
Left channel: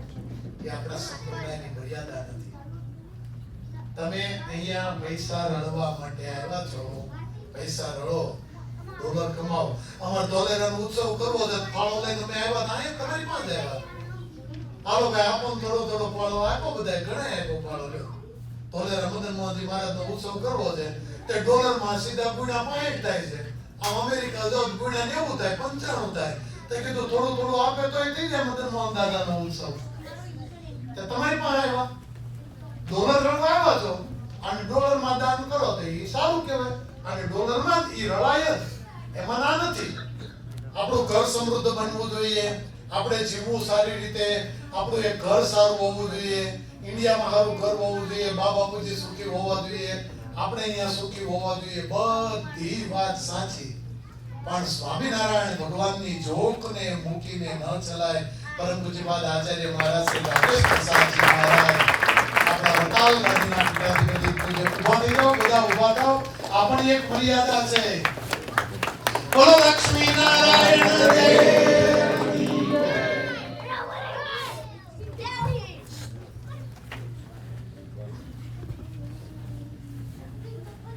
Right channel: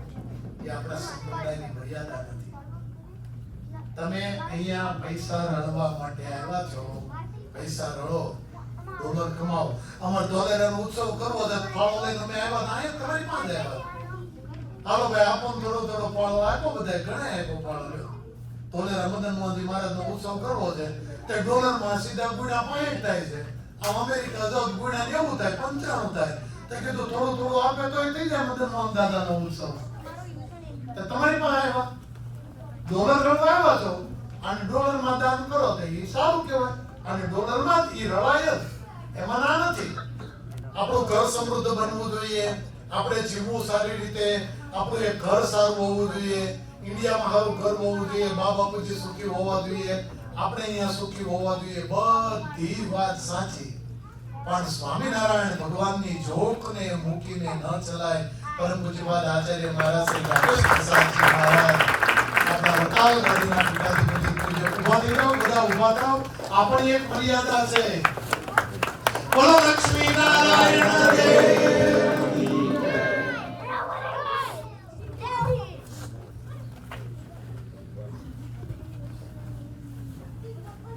એ આપણા સંપ્રદાયની મર્યાદા નથી. તમે અહીંયા પૈસા રળવા માટે આવ્યા છો, પૈસા રળો, ડોલર કમાવો. અમાર ડોલરનો ઉત્સવ કરવો છે, ફાળો લઈને અમે આવ્યા હતા, અહીંયા તમારી પાસે આવ્યા. હાલો ભાઈ, આપો થોડો થોડો ફાળો આપો, બધા ઘણા આપો ફાળો લ્યો. ડોલર મદન મોહનજી મહારાજનો ઉત્સવ કરવો છે, તે ડોલરમાં સીધા ગુણ્યા 60 થાય છે. આમ અમેરિકા જાવ ગુણ્યા 90 થાય, 95 થાય. તે કીધું થોડું થોડું આપે તો એ થઈ જાય મદન મોહન દાદાનો ઉત્સવ. તે તમારી પાસે આવ્યા, ડોલર રળવા આવ્યા છો, અને ડોલરમાં દાન કરો તો એ સારું કહેવાય. અને ડોલરમાં જ એ રળાય જ, એમાં ના નથી. આપણું ઘર સમૃદ્ધ બનવું જોઈએ, આપણે જીવવું સારી રીતે, આપણું એક ઘર સારું હોવું જોઈએ, ઇન્ડિયામાં સારું ઘર હોવું જોઈએ, બા બાપુજી સુખી હોવા જોઈએ, આપણે અહીંયા સુખી હોવા જોઈએ. બધી વાત સાચી, પણ સ્વામિનારાયણ ભગવાનની જોખને મૂકીને ન ચલાય. પરમ પૂજ્યપાદ આચાર્ય મહારાજ શ્રી રાજેશ પ્રસાદજી મહારાજ, આપણા વટાલ ગાડીના પીઠાધિપતિ પૂજ્ય ઉભા થઈ જાઓ, બધા ઉભા થાઓ. આપણી એક મર્યાદા છે. બોલો લક્ષ્મી નારાયણ